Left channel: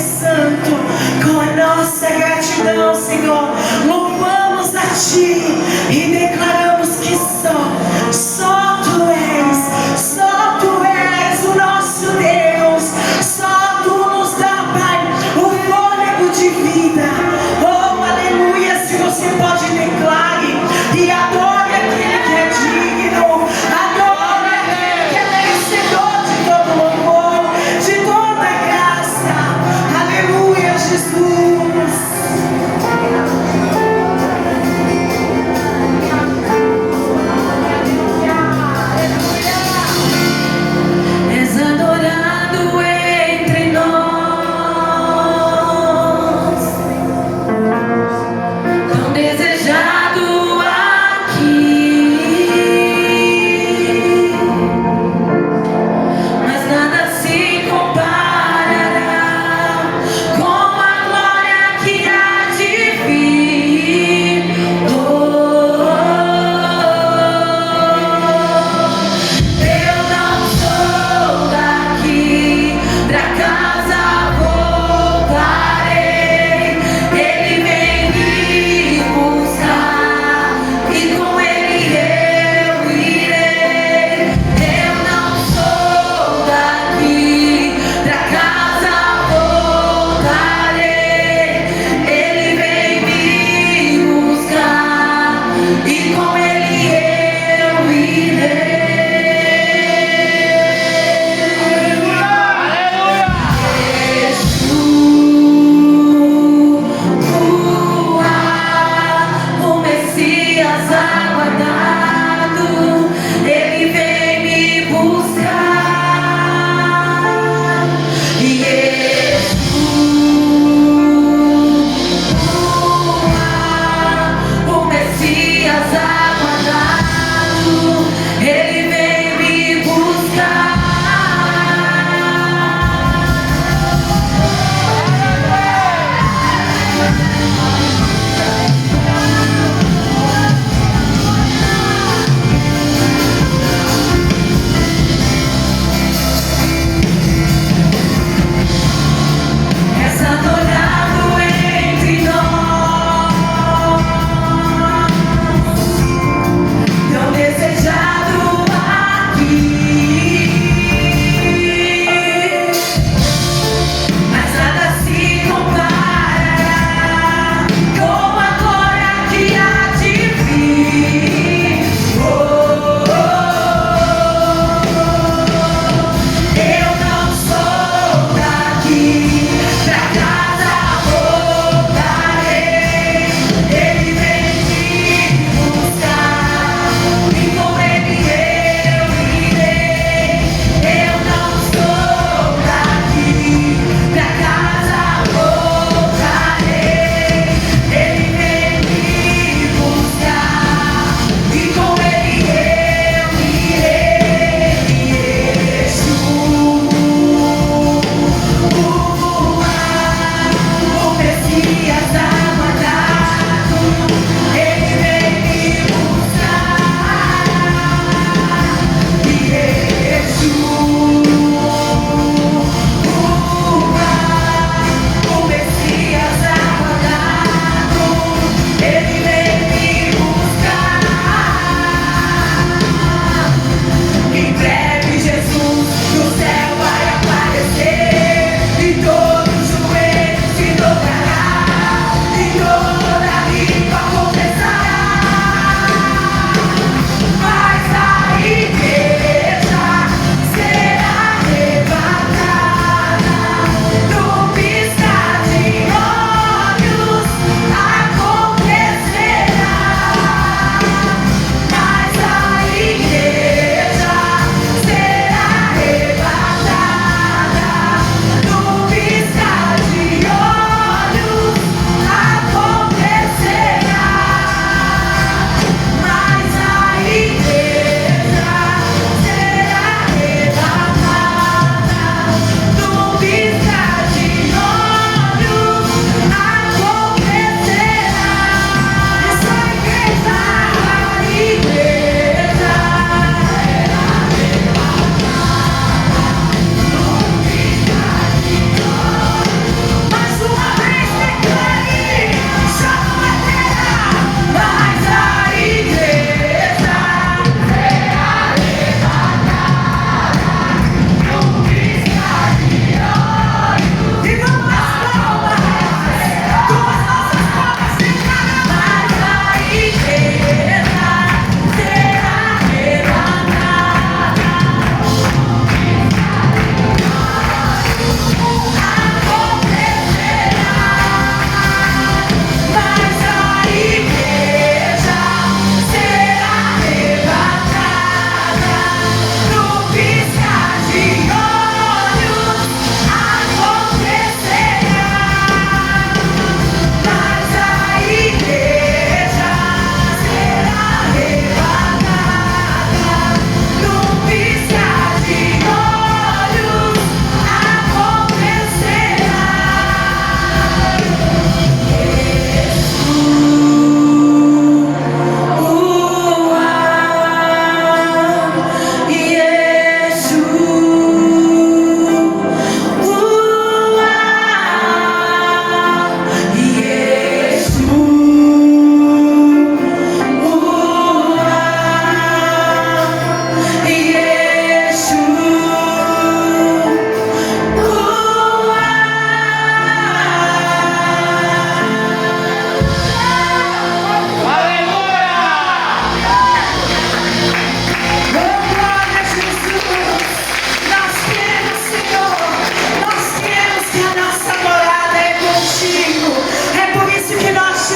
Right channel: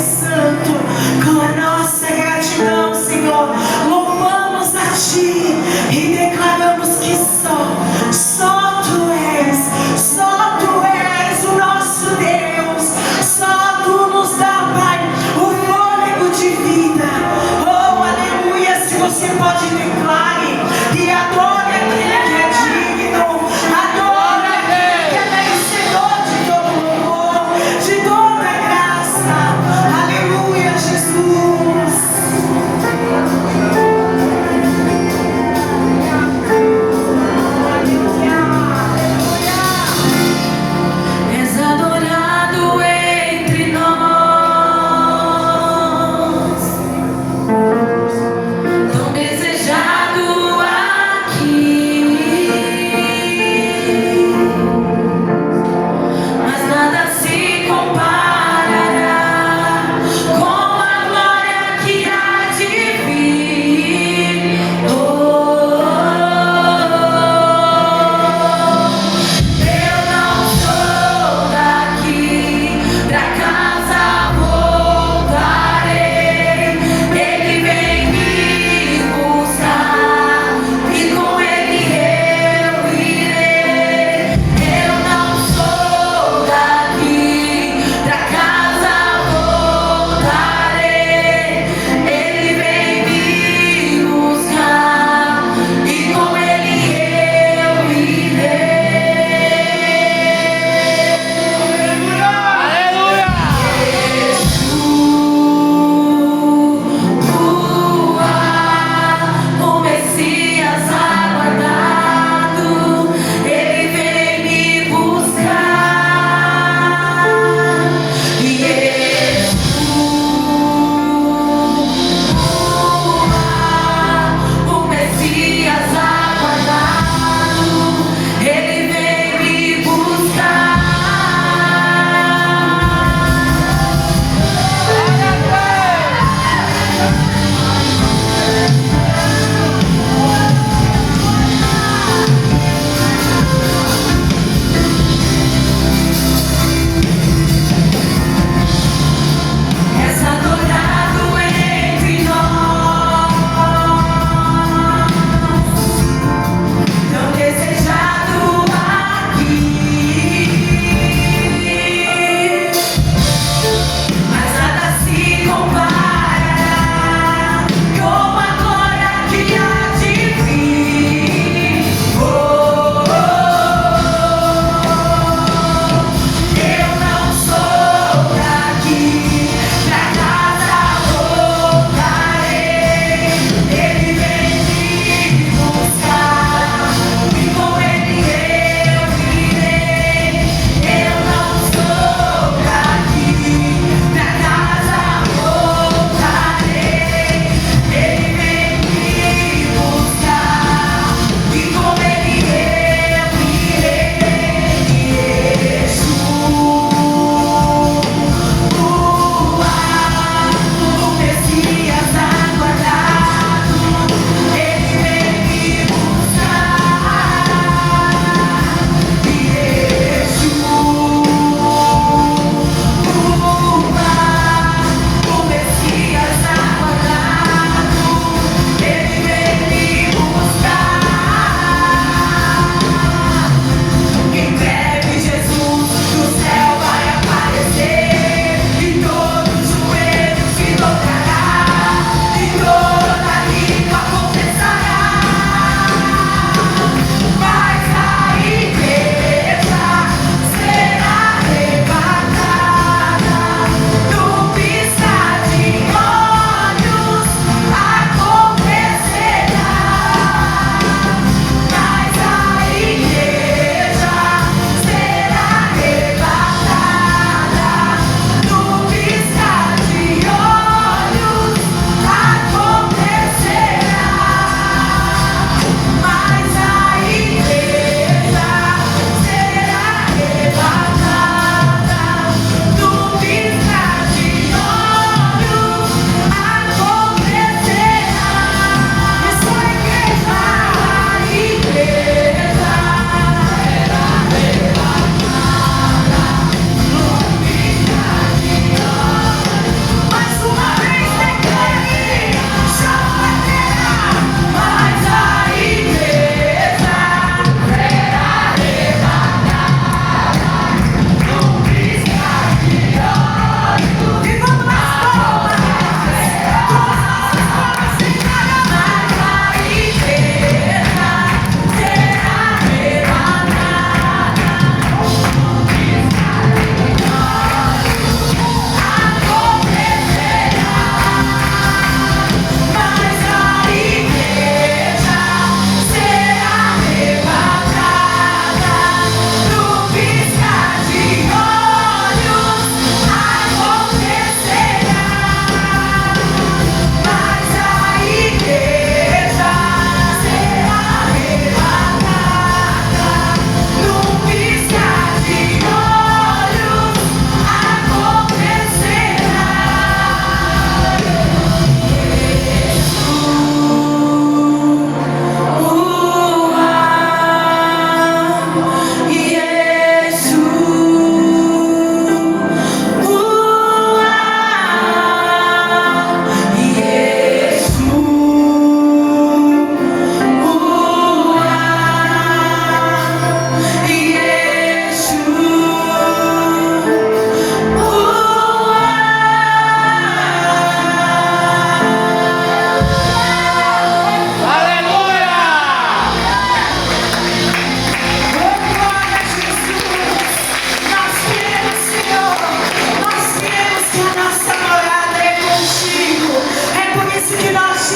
Santo, com a nossa gratidão, Senhor, louvamos a Ti e declaramos que só Tu és o nosso Deus, só Tu nos dá, Pai, o fôlego de vida. Oh, aleluia! Se você pode, declare e adore aquele que é digno, adore aquele que é merecedor de todo louvor, de toda graça. Aleluia!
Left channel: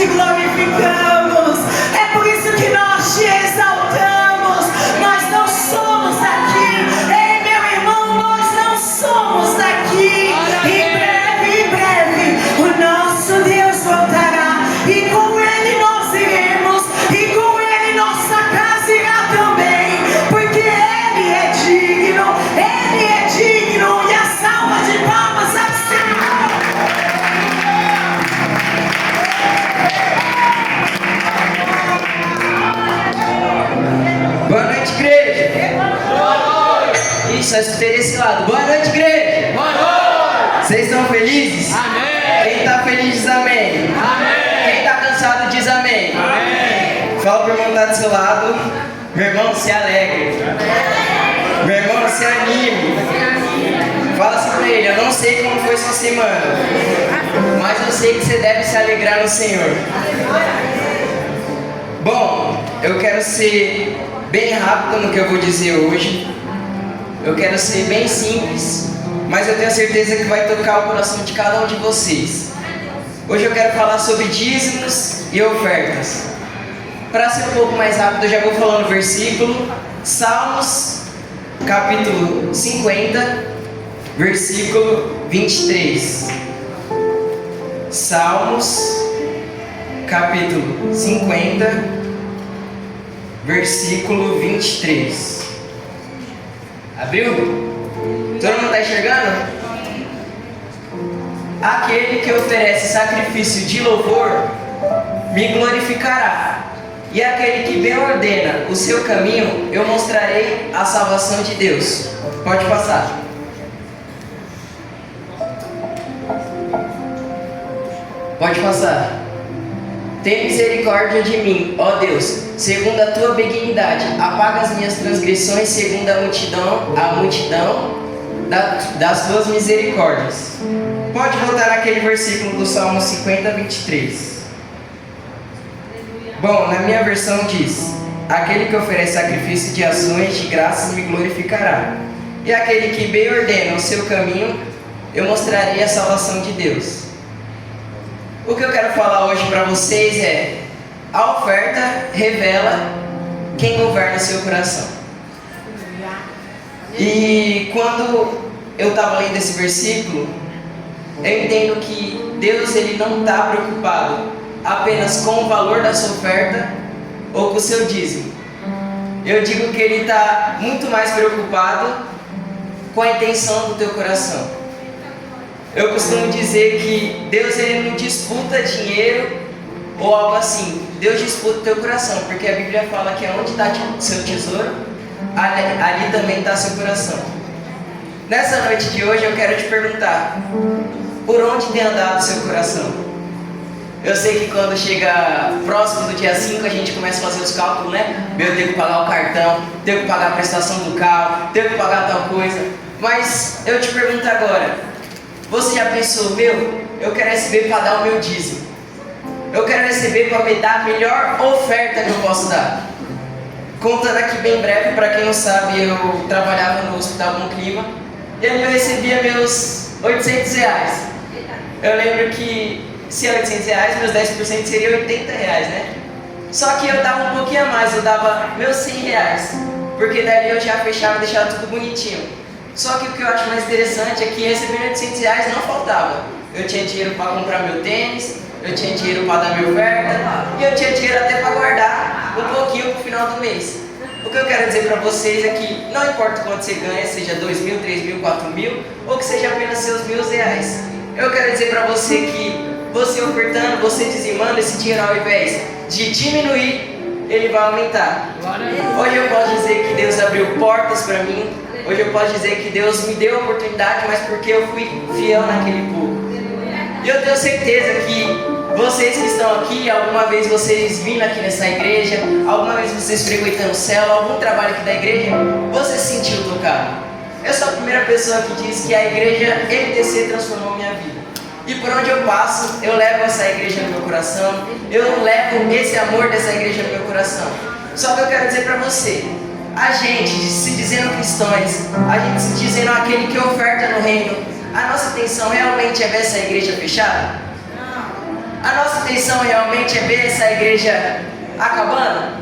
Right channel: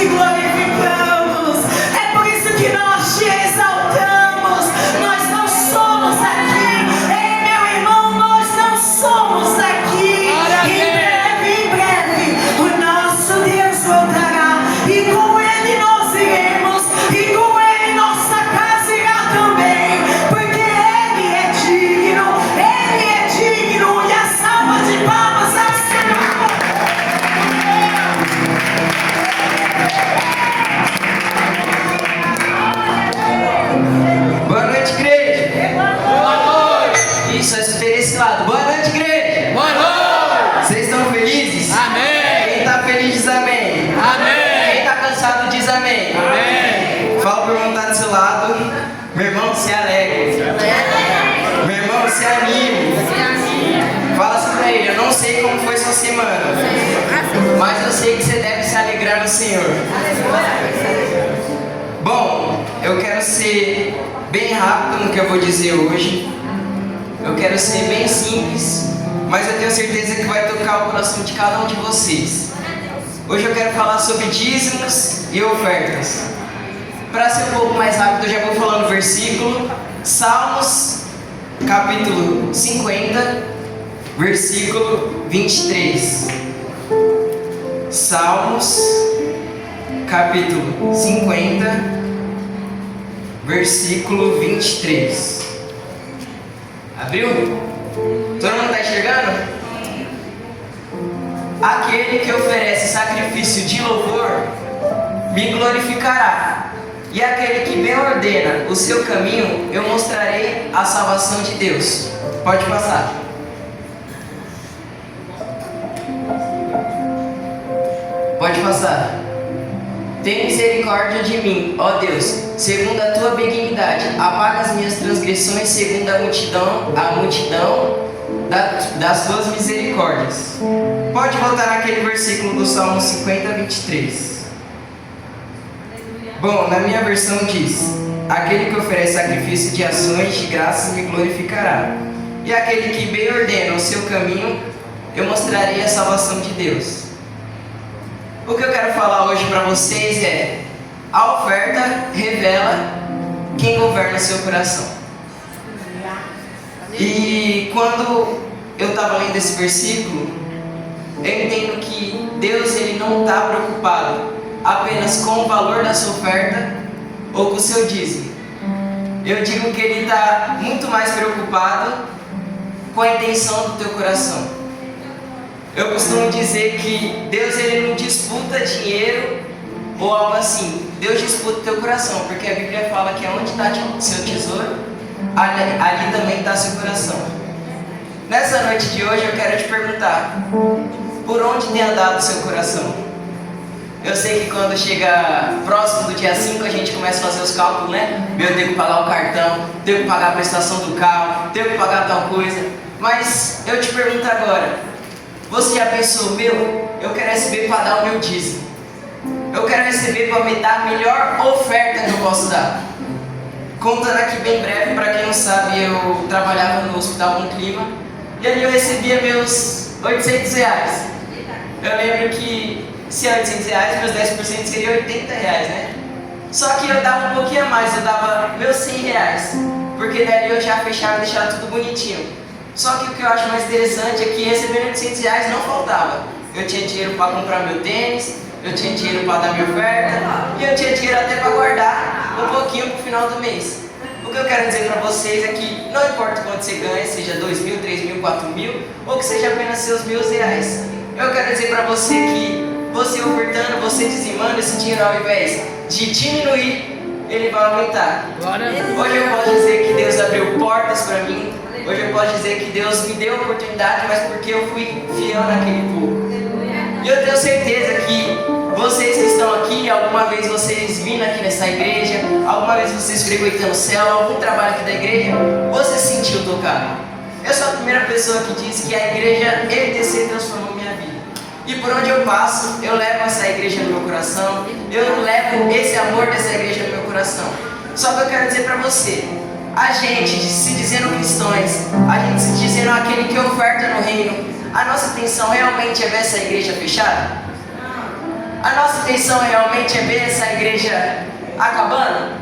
te glorificamos. É por isso que nós te exaltamos. Nós não somos aqui. Ei, meu irmão, nós não somos aqui. Em breve, o nosso Deus voltará. E com Ele nós iremos. E com Ele nossa casa irá também. Porque Ele é digno. Ele é digno. E a salva de palmas ao Senhor. Boa noite, igreja. Boa noite. Isso, espere esse lado. Boa noite, igreja. Boa noite. Vocês estão felizes? Amém. Quem está feliz diz amém. Amém. Quem está cansado diz amém. Amém. Fala para o irmão que está do seu lado. Meu irmão, se alegre. Amém. Meu irmão, se anime. Fala assim para ele: eu não sei como foi sua semana, mas eu sei que você deve se alegrar no Senhor. Bom, eu quero ser bem rápido no que eu vou dizer hoje. Eu quero ser bem simples, mas eu tenho certeza que vai tocar o coração de cada um de vocês. Hoje eu quero falar sobre dízimos e ofertas. Para ser um pouco mais rápido, eu já vou falando o versículo. Salmos, capítulo 50, versículo 23. Salmos, capítulo 50, versículo 23. Abriu? Todo mundo está enxergando? Aquele que oferece sacrifício de louvor me glorificará, e aquele que bem ordena o seu caminho, eu mostrarei a salvação de Deus. Pode passar. Pode passar. Tem misericórdia de mim, ó Deus, segundo a tua benignidade. Apaga as minhas transgressões, segundo a multidão das tuas misericórdias. Pode voltar naquele versículo do Salmo 50, 23. Bom, na minha versão diz: aquele que oferece sacrifício de ações de graças me glorificará, e aquele que bem ordena o seu caminho, eu mostrarei a salvação de Deus. O que eu quero falar hoje para vocês é: a oferta revela quem governa o seu coração. E quando eu estava lendo esse versículo, eu entendo que Deus ele não está preocupado apenas com o valor da sua oferta ou com o seu dízimo. Eu digo que Ele está muito mais preocupado com a intenção do teu coração. Eu costumo dizer que Deus ele não disputa dinheiro ou algo assim. Deus disputa o teu coração, porque a Bíblia fala que onde está o seu tesouro, ali também está seu coração. Nessa noite de hoje eu quero te perguntar: por onde tem andado o seu coração? Eu sei que quando chega próximo do dia 5 a gente começa a fazer os cálculos, né? Eu tenho que pagar o cartão, tenho que pagar a prestação do carro, tenho que pagar tal coisa. Mas eu te pergunto agora: você já pensou, eu quero receber para dar o meu dízimo, eu quero receber para me dar a melhor oferta que eu posso dar? Contando aqui bem breve, para quem não sabe, eu trabalhava no Hospital Bom Clima e ali eu recebia meus R$800. Eu lembro que se é R$800, meus 10% seria R$80, né? Só que eu dava um pouquinho a mais, eu dava meus R$100, porque dali eu já fechava e deixava tudo bonitinho. Só que o que eu acho mais interessante é que recebendo R$800 não faltava. Eu tinha dinheiro para comprar meu tênis, eu tinha dinheiro para dar minha oferta, e eu tinha dinheiro até para guardar um pouquinho pro final do mês. O que eu quero dizer para vocês é que não importa quanto você ganha, seja 2 mil, 3 mil, 4 mil, ou que seja apenas seus R$1.000. Eu quero dizer para você que você ofertando, você dizimando, esse dinheiro ao invés de diminuir, ele vai aumentar. Hoje eu posso dizer que Deus abriu portas para mim. Hoje eu posso dizer que Deus me deu a oportunidade, mas porque eu fui fiel naquele pouco. E eu tenho certeza que vocês que estão aqui, alguma vez vocês vindo aqui nessa igreja, alguma vez vocês frequentando o céu, algum trabalho aqui da igreja, você se sentiu tocado. Eu sou a primeira pessoa que diz que a igreja ETC transformou minha vida. E por onde eu passo, eu levo essa igreja no meu coração, eu levo esse amor dessa igreja no meu coração. Só que eu quero dizer para você: a gente se dizendo cristãos, a gente se dizendo aquele que oferta no reino, a nossa intenção realmente é ver essa igreja fechada? A nossa intenção realmente é ver essa igreja acabando?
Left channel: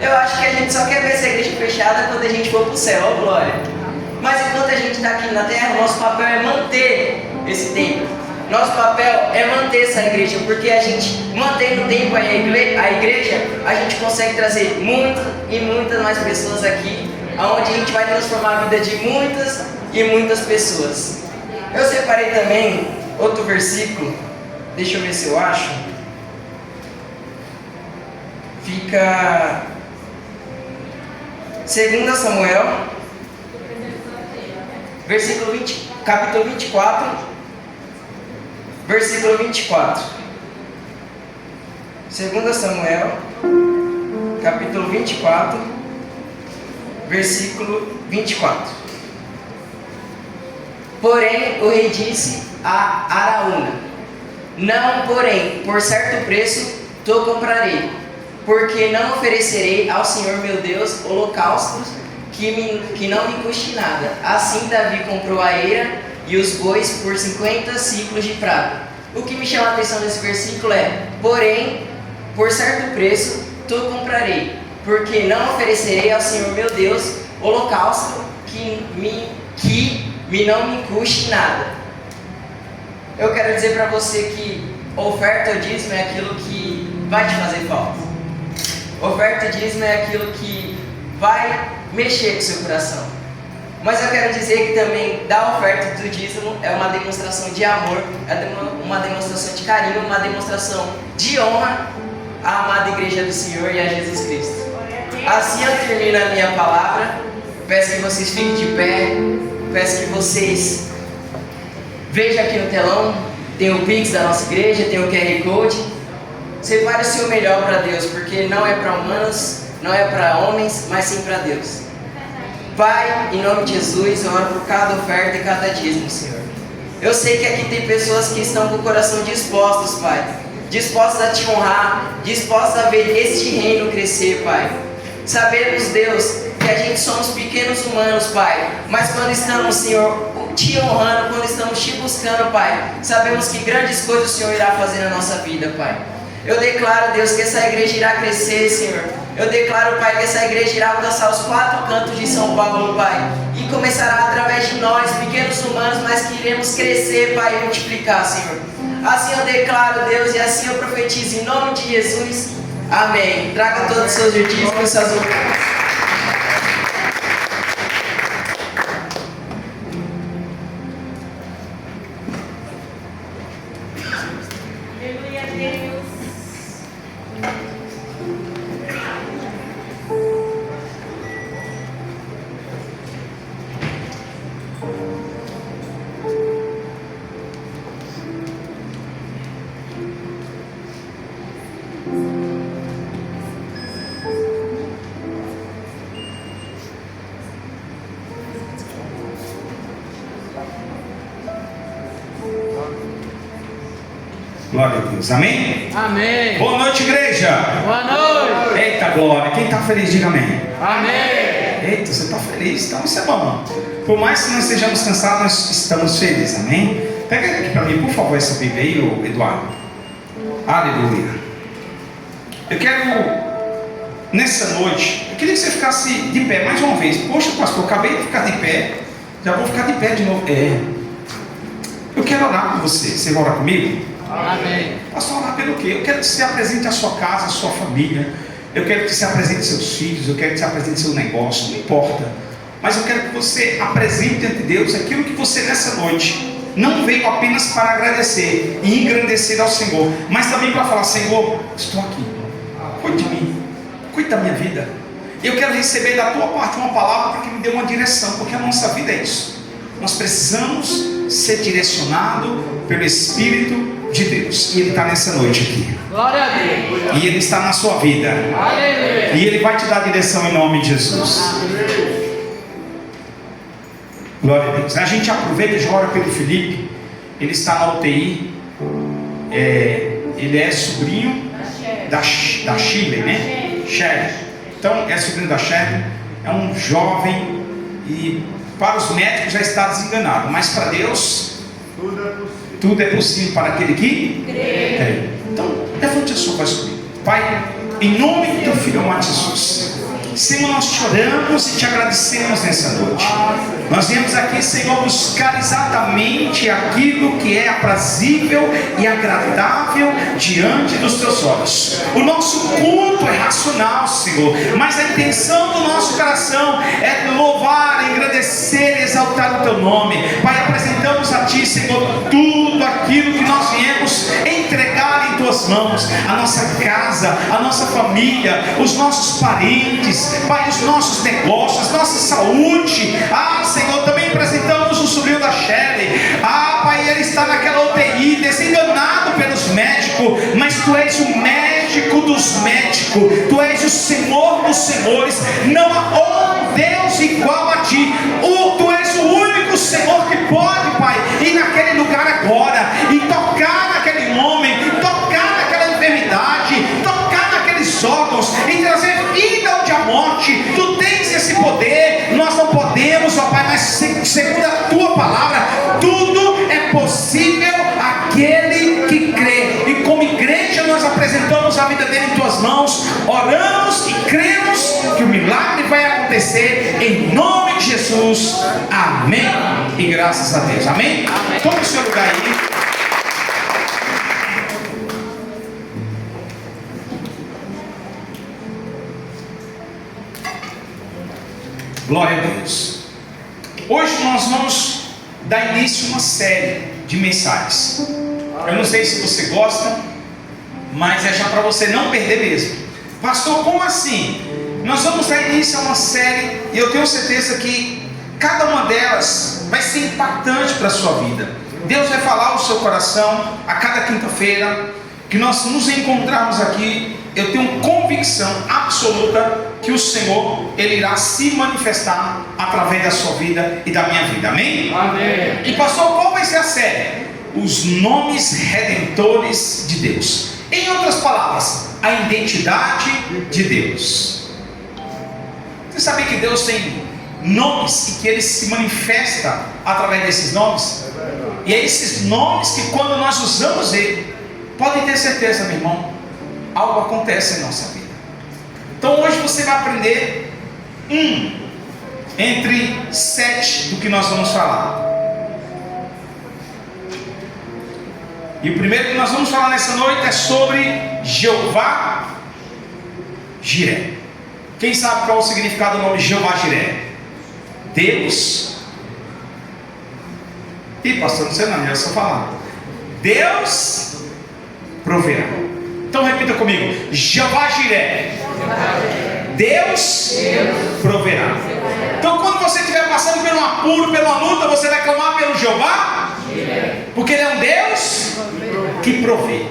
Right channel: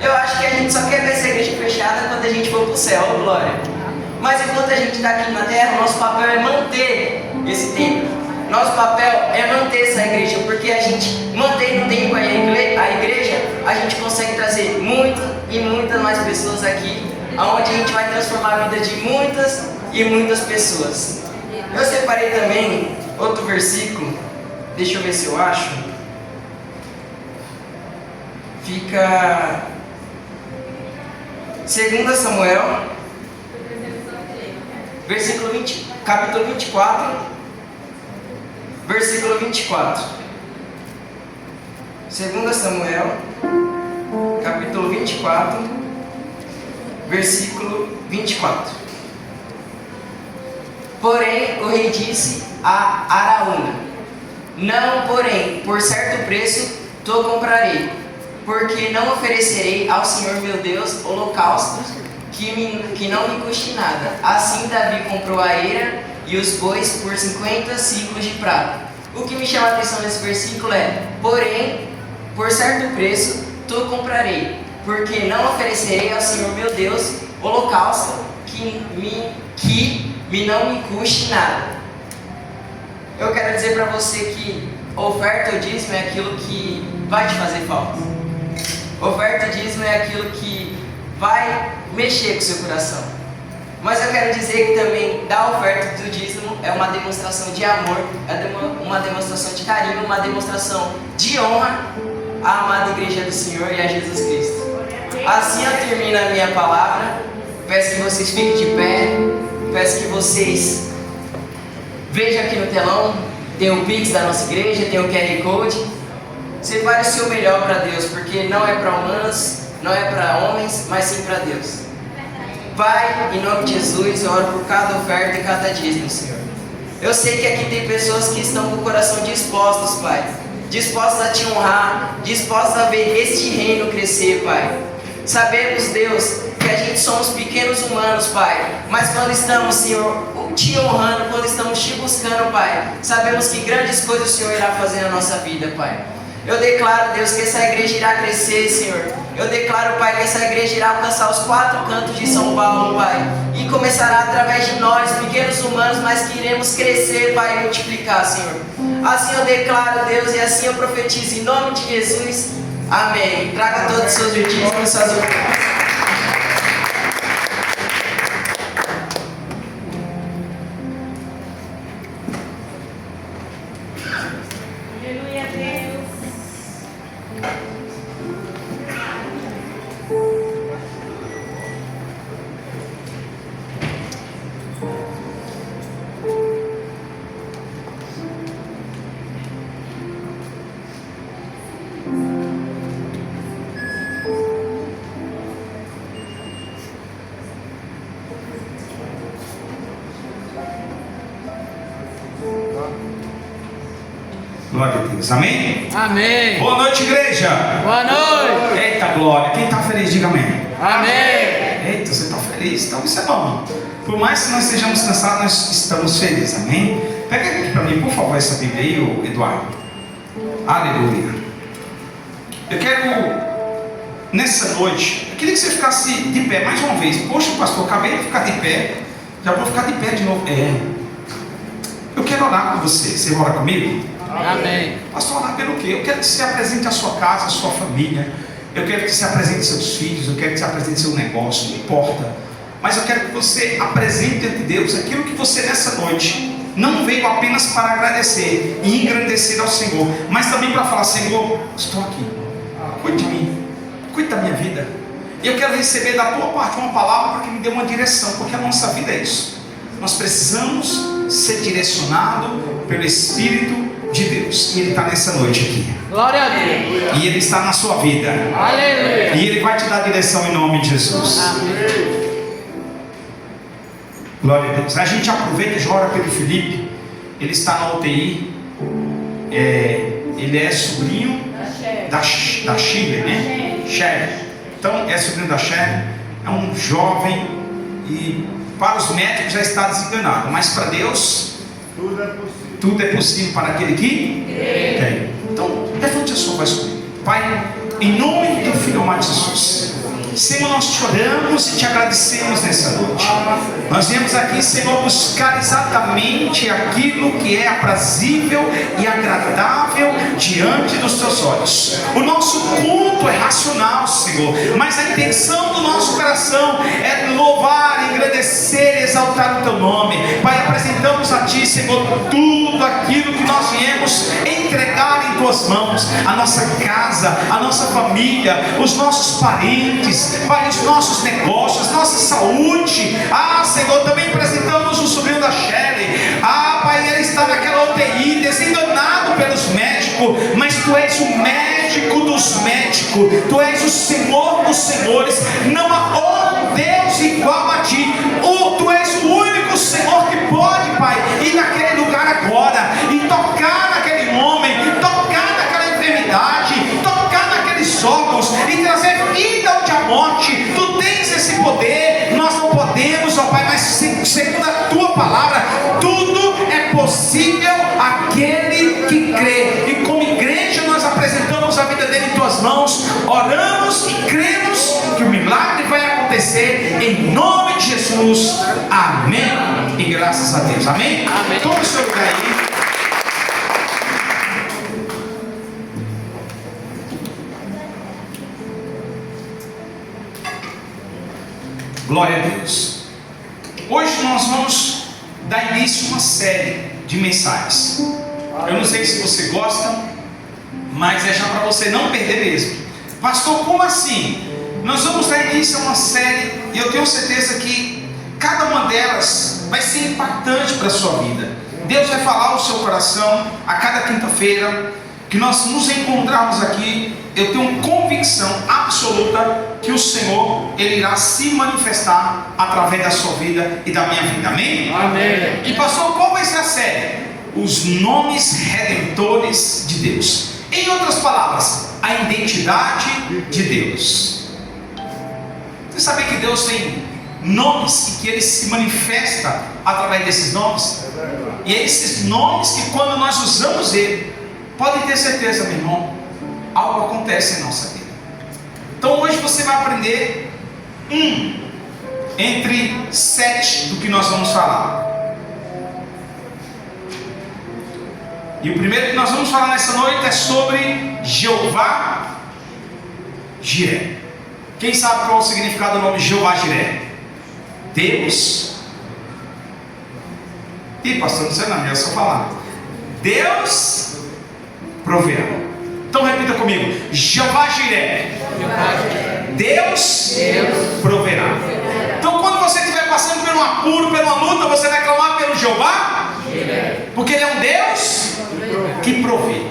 Eu acho que a gente só quer ver essa igreja fechada quando a gente for para o céu, oh, glória. Mas enquanto a gente está aqui na terra, o nosso papel é manter esse templo. Nosso papel é manter essa igreja, porque a gente mantendo o tempo a igreja, a gente consegue trazer muitas e muitas mais pessoas aqui, onde a gente vai transformar a vida de muitas e muitas pessoas. Eu separei também outro versículo, deixa eu ver se eu acho. Fica 2 Samuel, capítulo 24, versículo 24. 2 Samuel, capítulo 24, versículo 24. Porém, o rei disse a Araúna: não, porém, por certo preço te comprarei, porque não oferecerei ao Senhor meu Deus holocaustos que não me custe nada. Assim Davi comprou a eira e os bois por 50 ciclos de prata. O que me chama a atenção nesse versículo é: porém, por certo preço te comprarei, porque não oferecerei ao Senhor meu Deus holocausto que não me custe nada. Eu quero dizer para você que oferta ou dízimo é aquilo que vai te fazer falta. Oferta e dízimo é aquilo que vai mexer com o seu coração. Mas eu quero dizer que também dar oferta do dízimo é uma demonstração de amor, é uma demonstração de carinho, uma demonstração de honra à amada igreja do Senhor e a Jesus Cristo. Assim eu termino a minha palavra. Peço que vocês fiquem de pé. Peço que vocês vejam aqui no telão. Tem o Pix da nossa igreja, tem o QR Code. Separe o seu melhor para Deus, porque não é para humanos, não é para homens, mas sim para Deus. Pai, em nome de Jesus, eu oro por cada oferta e cada dízimo, Senhor. Eu sei que aqui tem pessoas que estão com o coração dispostos, Pai. Dispostos a te honrar, dispostos a ver este reino crescer, Pai. Sabemos, Deus, que a gente somos pequenos humanos, Pai. Mas quando estamos, Senhor, te honrando, quando estamos te buscando, Pai, sabemos que grandes coisas o Senhor irá fazer na nossa vida, Pai. Eu declaro, Deus, que essa igreja irá crescer, Senhor. Eu declaro, Pai, que essa igreja irá alcançar os 4 cantos de São Paulo, Pai. E começará através de nós, pequenos humanos, mas que iremos crescer, Pai, e multiplicar, Senhor. Assim eu declaro, Deus, e assim eu profetizo em nome de Jesus. Amém. Traga todos os seus dízimos, suas ofertas. Glória a Deus, amém? Amém. Boa noite, igreja. Boa noite. Eita glória, quem está feliz, diga amém. Amém. Eita, você está feliz, então isso é bom. Por mais que nós estejamos cansados, nós estamos felizes, amém? Pega aqui para mim, por favor, essa Bíblia aí, Eduardo. Aleluia. Eu quero, nessa noite, eu queria que você ficasse de pé mais uma vez. Poxa, pastor, acabei de ficar de pé, já vou ficar de pé de novo. Eu quero orar com você. Você vai orar comigo? Amém. Pastor, orar pelo quê? Eu quero que você apresente a sua casa, a sua família. Eu quero que você apresente seus filhos. Eu quero que você apresente seu negócio. Não importa. Mas eu quero que você apresente ante Deus aquilo que você nessa noite não veio apenas para agradecer e engrandecer ao Senhor, mas também para falar: Senhor, estou aqui. Cuide de mim. Cuide da minha vida. Eu quero receber da tua parte uma palavra para que me dê uma direção, porque a nossa vida é isso. Nós precisamos ser direcionados pelo Espírito de Deus. E Ele está nessa noite aqui. Glória a Deus. E Ele está na sua vida. Aleluia. E Ele vai te dar direção em nome de Jesus. Glória a Deus. A gente aproveita e já ora pelo Felipe. Ele está na UTI. Ele é sobrinho da Shirley, né? Sherry. Então é sobrinho da Sherry. É um jovem e para os médicos já está desenganado, mas para Deus tudo é possível. tudo é possível para aquele que crê. Então, levante a sua voz comigo. Pai, em nome do Filho amado Jesus, Senhor, nós te oramos e te agradecemos nessa noite. Nós viemos aqui, Senhor, buscar exatamente aquilo que é aprazível e agradável diante dos teus olhos. O nosso culto é racional, Senhor, mas a intenção do nosso coração é louvar, engrandecer e exaltar o teu nome. Pai, apresentamos a ti, Senhor, tudo aquilo que nós viemos entregar em tuas mãos, a nossa casa, a nossa família, os nossos parentes, Pai, os nossos negócios, nossa saúde. Senhor, também apresentamos o sobrinho da Shelley. Pai, ele está naquela UTI, desenganado pelos médicos, mas tu és o médico dos médicos, tu és o Senhor dos senhores. Não há outro Deus igual a ti. Tu és o único Senhor que pode, Pai, ir naquele lugar agora e tocar naquele homem, tocar naquela enfermidade, tocar naqueles órgãos e trazer vida onde há morte. Tu tens esse poder. Nós não podemos, ó Pai, mas segundo a tua palavra, tudo é possível àquele que crê. E como igreja nós apresentamos a vida dele em tuas mãos, oramos e cremos que o milagre vai acontecer em nome de Jesus. Amém. E graças a Deus. Amém. Tome o seu lugar aí. Glória a Deus. Hoje nós vamos dar início a uma série de mensagens. Eu não sei se você gosta, mas é já para você não perder mesmo. Pastor, como assim? Nós vamos dar início a uma série e eu tenho certeza que cada uma delas vai ser impactante para a sua vida. Deus vai falar ao seu coração a cada quinta-feira que nós nos encontrarmos aqui. Eu tenho convicção absoluta que o Senhor, Ele irá se manifestar através da sua vida e da minha vida. Amém? Amém. E pastor, qual vai ser a série? Os nomes redentores de Deus. Em outras palavras, a identidade de Deus. Você sabia que Deus tem nomes e que Ele se manifesta através desses nomes? E é esses nomes que quando nós usamos Ele, pode ter certeza, meu irmão, algo acontece em nossa vida. Então hoje você vai aprender entre 7 do que nós vamos falar. E o primeiro que nós vamos falar nessa noite é sobre Jeová Jiré. Quem sabe qual é o significado do nome Jeová Jiré? Deus. Pastor, não sei não, é só falar. Deus proverá. Então repita comigo: Jeová Jiré. Deus proverá. Então quando você estiver passando por um apuro, pela luta, você vai clamar pelo Jeová, porque Ele é um Deus que provê.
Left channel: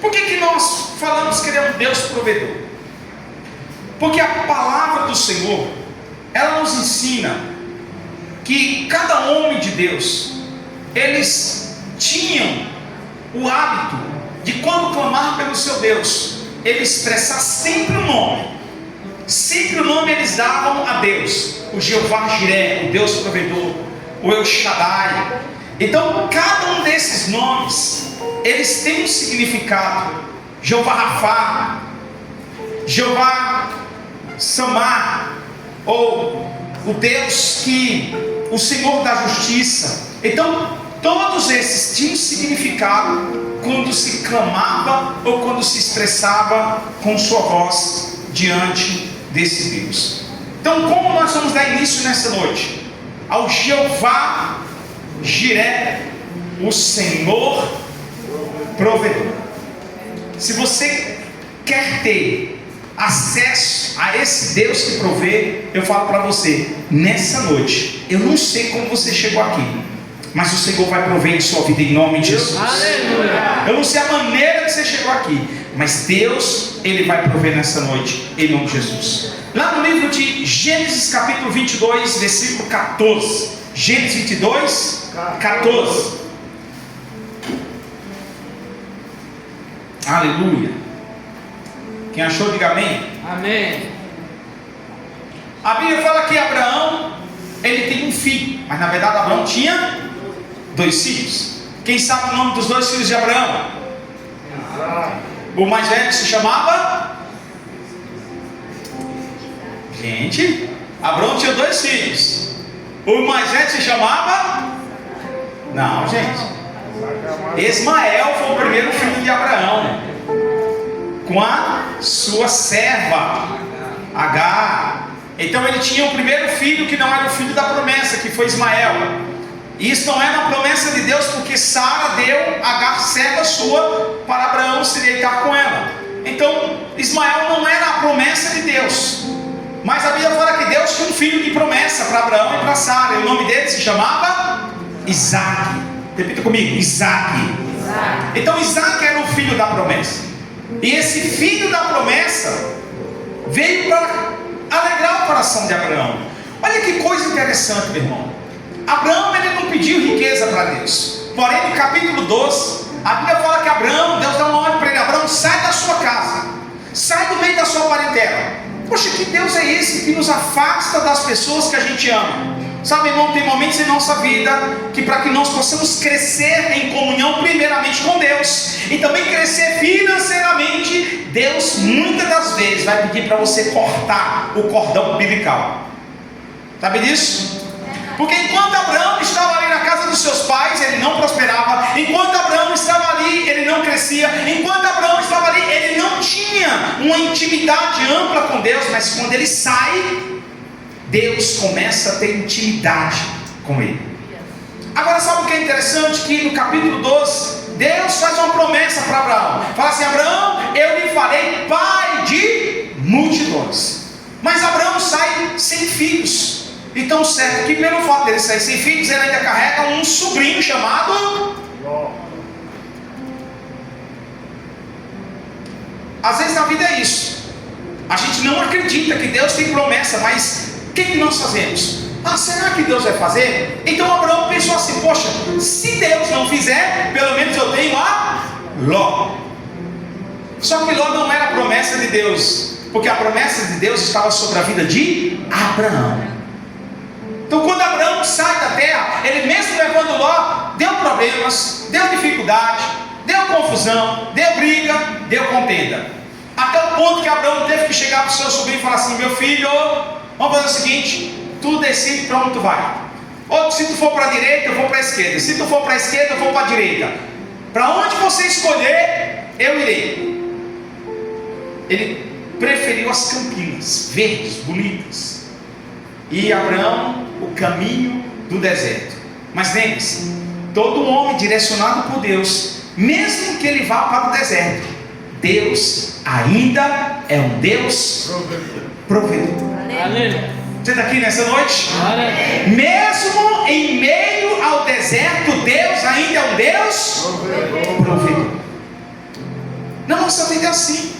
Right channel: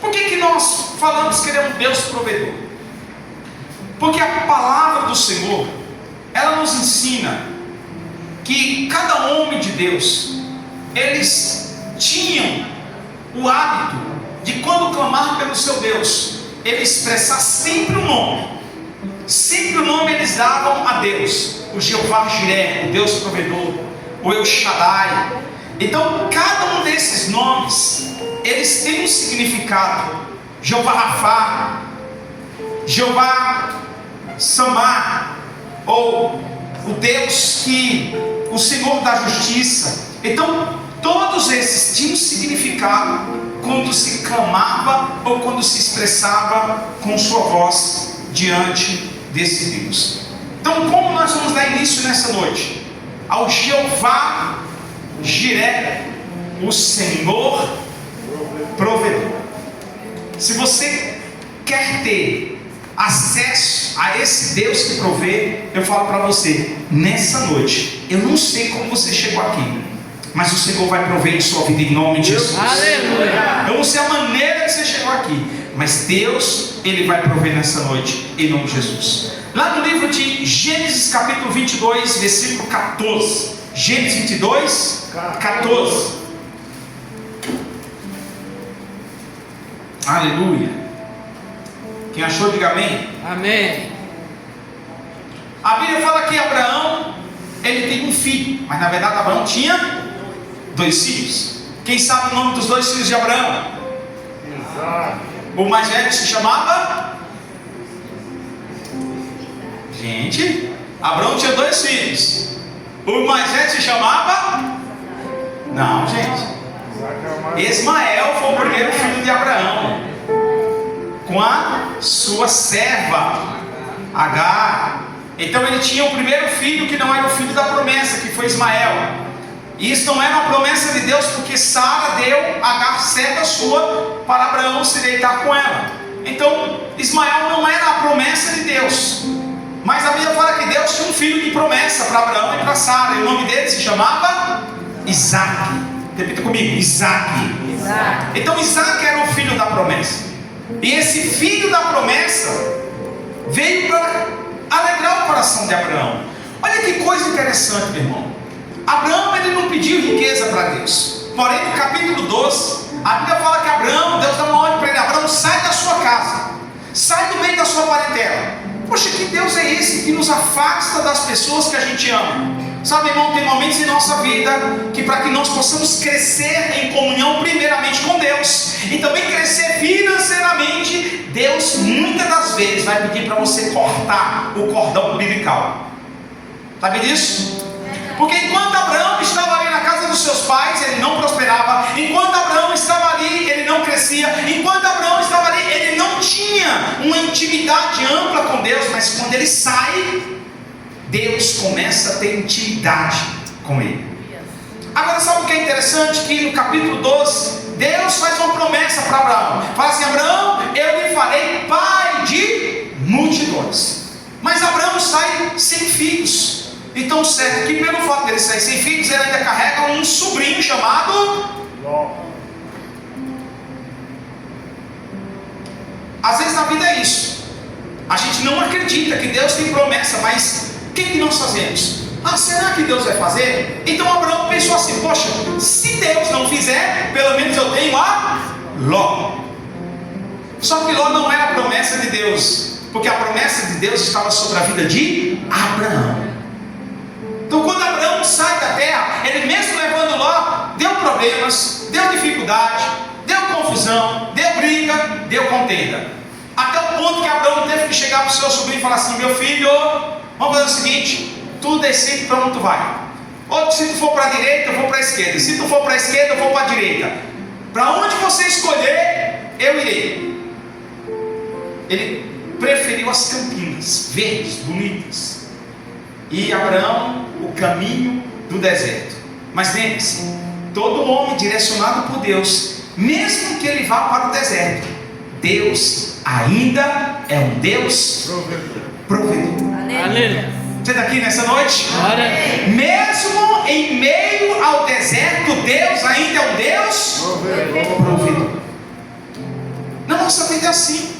Por que nós falamos que Ele é um Deus provedor? Porque a palavra do Senhor, ela nos ensina que cada homem de Deus, eles tinham o hábito de, quando clamar pelo seu Deus, ele expressar sempre o nome. Sempre o nome eles davam a Deus: o Jeová Jiré, o Deus provedor, o El Shaddai. Então cada um desses nomes, eles têm um significado. Jeová Rafá, Jeová Samar, ou o Deus que, o Senhor da justiça. Então todos esses tinham significado quando se clamava ou quando se expressava com sua voz diante desse Deus. Então como nós vamos dar início nessa noite? Ao Jeová Jiré, o Senhor provedor. Se você quer ter acesso a esse Deus que provê, eu falo para você, nessa noite, eu não sei como você chegou aqui, mas o Senhor vai prover em sua vida em nome de Jesus. Aleluia. Eu não sei a maneira que você chegou aqui, mas Deus, Ele vai prover nessa noite em nome de Jesus. Lá no livro de Gênesis capítulo 22, versículo 14. Gênesis 22, 14. Aleluia. Quem achou, diga amém. Amém. A Bíblia fala que Abraão, ele tem um filho, mas na verdade Abraão tinha 2 filhos. Quem sabe o nome dos 2 filhos de Abraão? O mais velho se chamava? Gente, Abraão tinha 2 filhos. O mais velho se chamava? Não, gente. Ismael foi o primeiro filho de Abraão, com a sua serva Agar. Então ele tinha o primeiro filho que não era o filho da promessa, que foi Ismael. E isso não era uma promessa de Deus, porque Sara deu Agar, serva sua, para Abraão se deitar com ela. Então Ismael não era a promessa de Deus, mas a Bíblia fala que Deus tinha um filho de promessa para Abraão e para Sara, e o nome dele se chamava Isaac. Repita comigo, Isaac. Então Isaac era o filho da promessa, e esse filho da promessa veio para alegrar o coração de Abraão. Olha que coisa interessante, meu irmão. Abraão, ele não pediu riqueza para Deus. Porém, no capítulo 12, a Bíblia fala que Abraão, Deus dá uma ordem para ele: Abraão, sai da sua casa, sai do meio da sua parentela. Poxa, que Deus é esse que nos afasta das pessoas que a gente ama? Sabe, irmão, tem momentos em nossa vida que, para que nós possamos crescer em comunhão primeiramente com Deus e também crescer financeiramente, Deus muitas das vezes vai pedir para você cortar o cordão umbilical. Sabe disso? Porque enquanto Abraão estava ali na casa dos seus pais, ele não prosperava. Enquanto Abraão estava ali, ele não crescia. Enquanto Abraão estava ali, ele não tinha uma intimidade ampla com Deus. Mas quando ele sai, Deus começa a ter intimidade com ele. Agora, sabe o que é interessante? Que no capítulo 12, Deus faz uma promessa para Abraão. Fala assim: Abraão, eu lhe farei pai de multidões. Mas Abraão sai sem filhos. Então, certo que pelo fato dele sair sem filhos, ele ainda carrega um sobrinho chamado Ló. Às vezes na vida é isso. A gente não acredita que Deus tem promessa, mas o que nós fazemos? Será que Deus vai fazer? Então Abraão pensou assim: poxa, se Deus não fizer, pelo menos eu tenho a Ló. Só que Ló não era a promessa de Deus, porque a promessa de Deus estava sobre a vida de Abraão. Então quando Abraão sai da terra, ele mesmo levando Ló, deu problemas, deu dificuldade, deu confusão, deu briga, deu contenda. Até o ponto que Abraão teve que chegar para o seu sobrinho e falar assim: meu filho, vamos fazer o seguinte, tu decide para onde tu vai. Ou se tu for para a direita, eu vou para a esquerda. Se tu for para a esquerda, eu vou para a direita. Para onde você escolher, eu irei. Ele preferiu as campinas, verdes, bonitas. E Abraão, o caminho do deserto. Mas lembre-se, todo homem direcionado por Deus, mesmo que ele vá para o deserto, Deus ainda é um Deus provedor. Você está aqui nessa noite? Mesmo em meio ao deserto, Deus ainda é um Deus provedor. Na nossa vida é assim.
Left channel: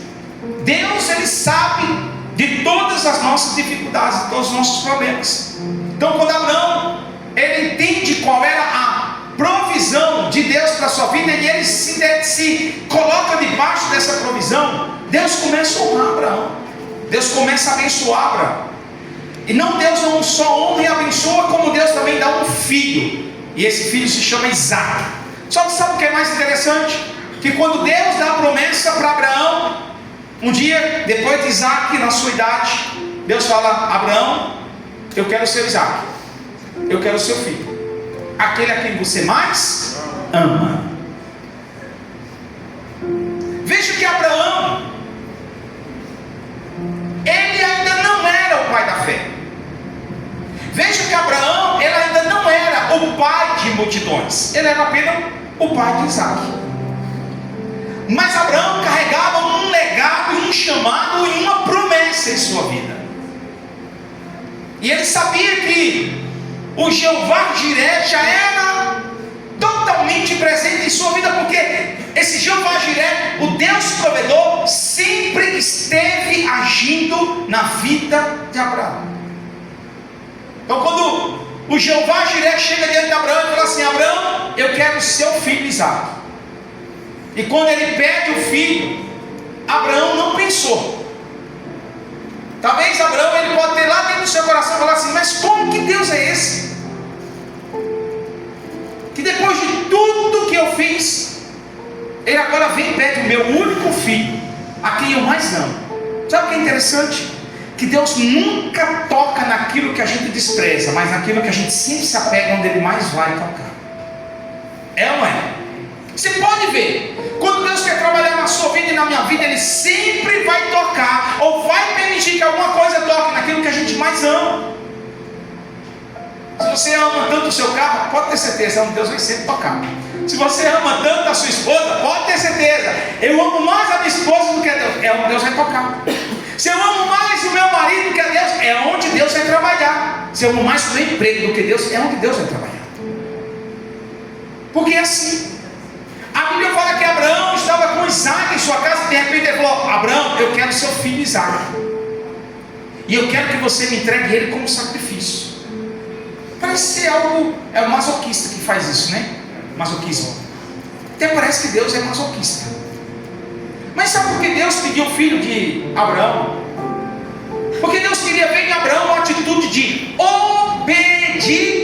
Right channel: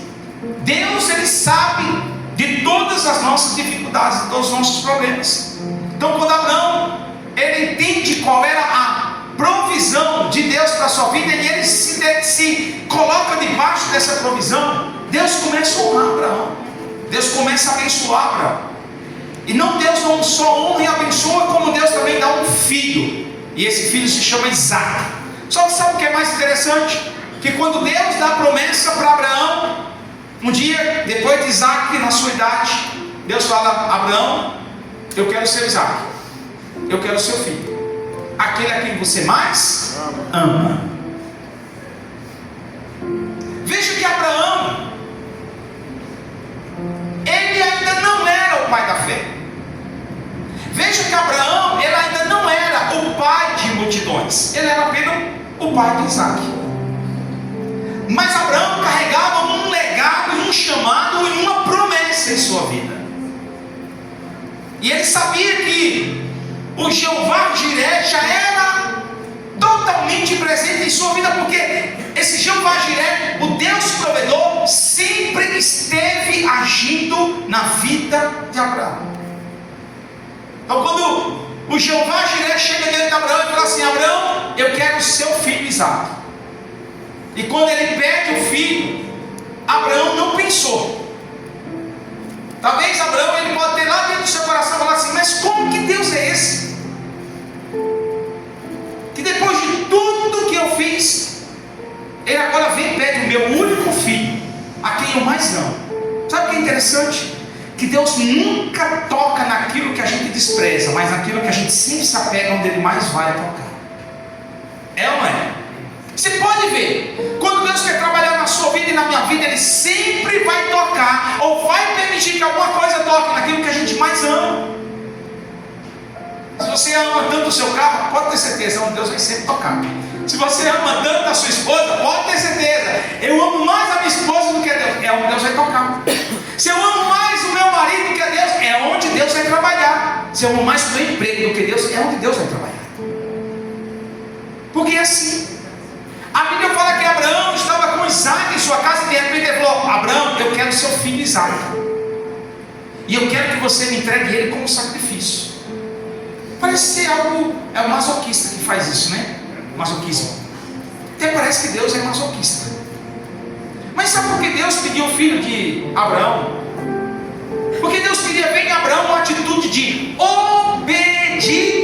Deus, ele sabe de todas as nossas dificuldades, de todos os nossos problemas. Então quando Abraão, ele entende qual era a provisão de Deus para a sua vida, e ele se coloca debaixo dessa provisão, Deus começa a honrar Abraão. Deus começa a abençoar Abraão. E Deus não só honra e abençoa, como Deus também dá um filho. E esse filho se chama Isaac. Só que sabe o que é mais interessante? Que quando Deus dá a promessa para Abraão, um dia, depois de Isaac, na sua idade, Deus fala: Abraão, eu quero o seu Isaac, eu quero o seu filho, aquele a quem você mais ama. Veja que Abraão, ele ainda não era o pai da fé. Veja que Abraão, ele ainda não era o pai de multidões, ele era apenas o pai de Isaac. Mas Abraão carregava um legado, um chamado e uma promessa em sua vida. E ele sabia que o Jeová Jiré já era totalmente presente em sua vida, porque esse Jeová Jiré, o Deus provedor, sempre esteve agindo na vida de Abraão. Então quando o Jeová Jiré chega diante de Abraão e fala assim: Abraão, eu quero o seu filho Isaac. E quando ele pede o filho, Abraão não pensou. Talvez Abraão, ele pode ter lá dentro do seu coração falar assim: mas como que Deus é esse? Que depois de tudo que eu agora vem e pede o meu único filho, a quem eu mais amo. Sabe o que é interessante? Que Deus nunca toca naquilo que a gente despreza, mas naquilo que a gente sempre se apega, onde Ele mais vai tocar. É ou não é? Você pode ver, quando Deus quer trabalhar na sua vida e na minha vida, Ele sempre vai tocar, ou vai permitir que alguma coisa toque naquilo que a gente mais ama. Se você ama tanto o seu carro, pode ter certeza, onde Deus vai sempre tocar. Se você ama tanto a sua esposa, pode ter certeza, eu amo mais a minha esposa do que a Deus, é onde Deus vai tocar. Se eu amo mais o meu marido do que a Deus, é onde Deus vai trabalhar. Se eu amo mais o meu emprego do que Deus, é onde Deus vai trabalhar. Porque é assim. A Bíblia fala que Abraão estava com Isaac em sua casa e de repente ele falou: Abraão, eu quero seu filho Isaac, e eu quero que você me entregue ele como sacrifício. Parece ser algo, é o masoquista que faz isso, né? Masoquismo. Até parece que Deus é masoquista. Mas sabe por que Deus pediu o filho de Abraão? Porque Deus queria ver em Abraão uma atitude de obediência.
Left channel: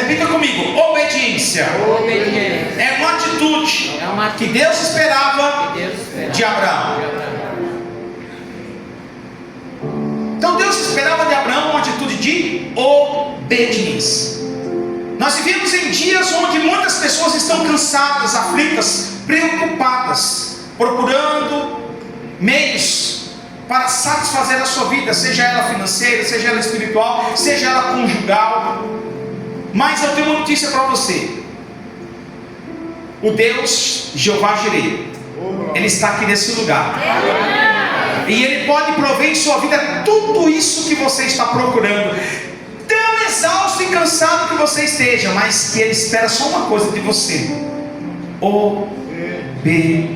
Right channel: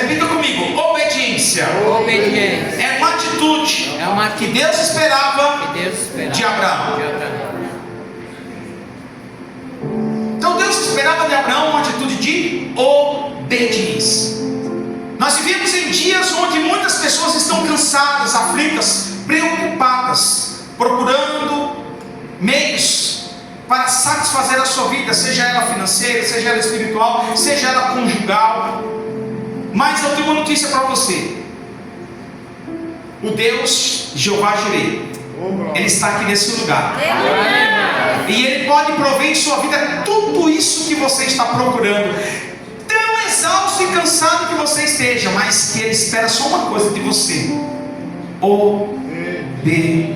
Repita comigo: obediência. Obediência. É uma atitude que Deus esperava de Abraão. Então Deus esperava de Abraão uma atitude de obediência. Nós vivemos em dias onde muitas pessoas estão cansadas, aflitas, preocupadas, procurando meios para satisfazer a sua vida, seja ela financeira, seja ela espiritual, seja ela conjugal. Mas eu tenho uma notícia para você: o Deus Jeová Jireh, Ele está aqui nesse lugar, e Ele pode prover em sua vida tudo isso que você está procurando, tão exausto e cansado que você esteja, mas que Ele espera só uma coisa de você: obediência.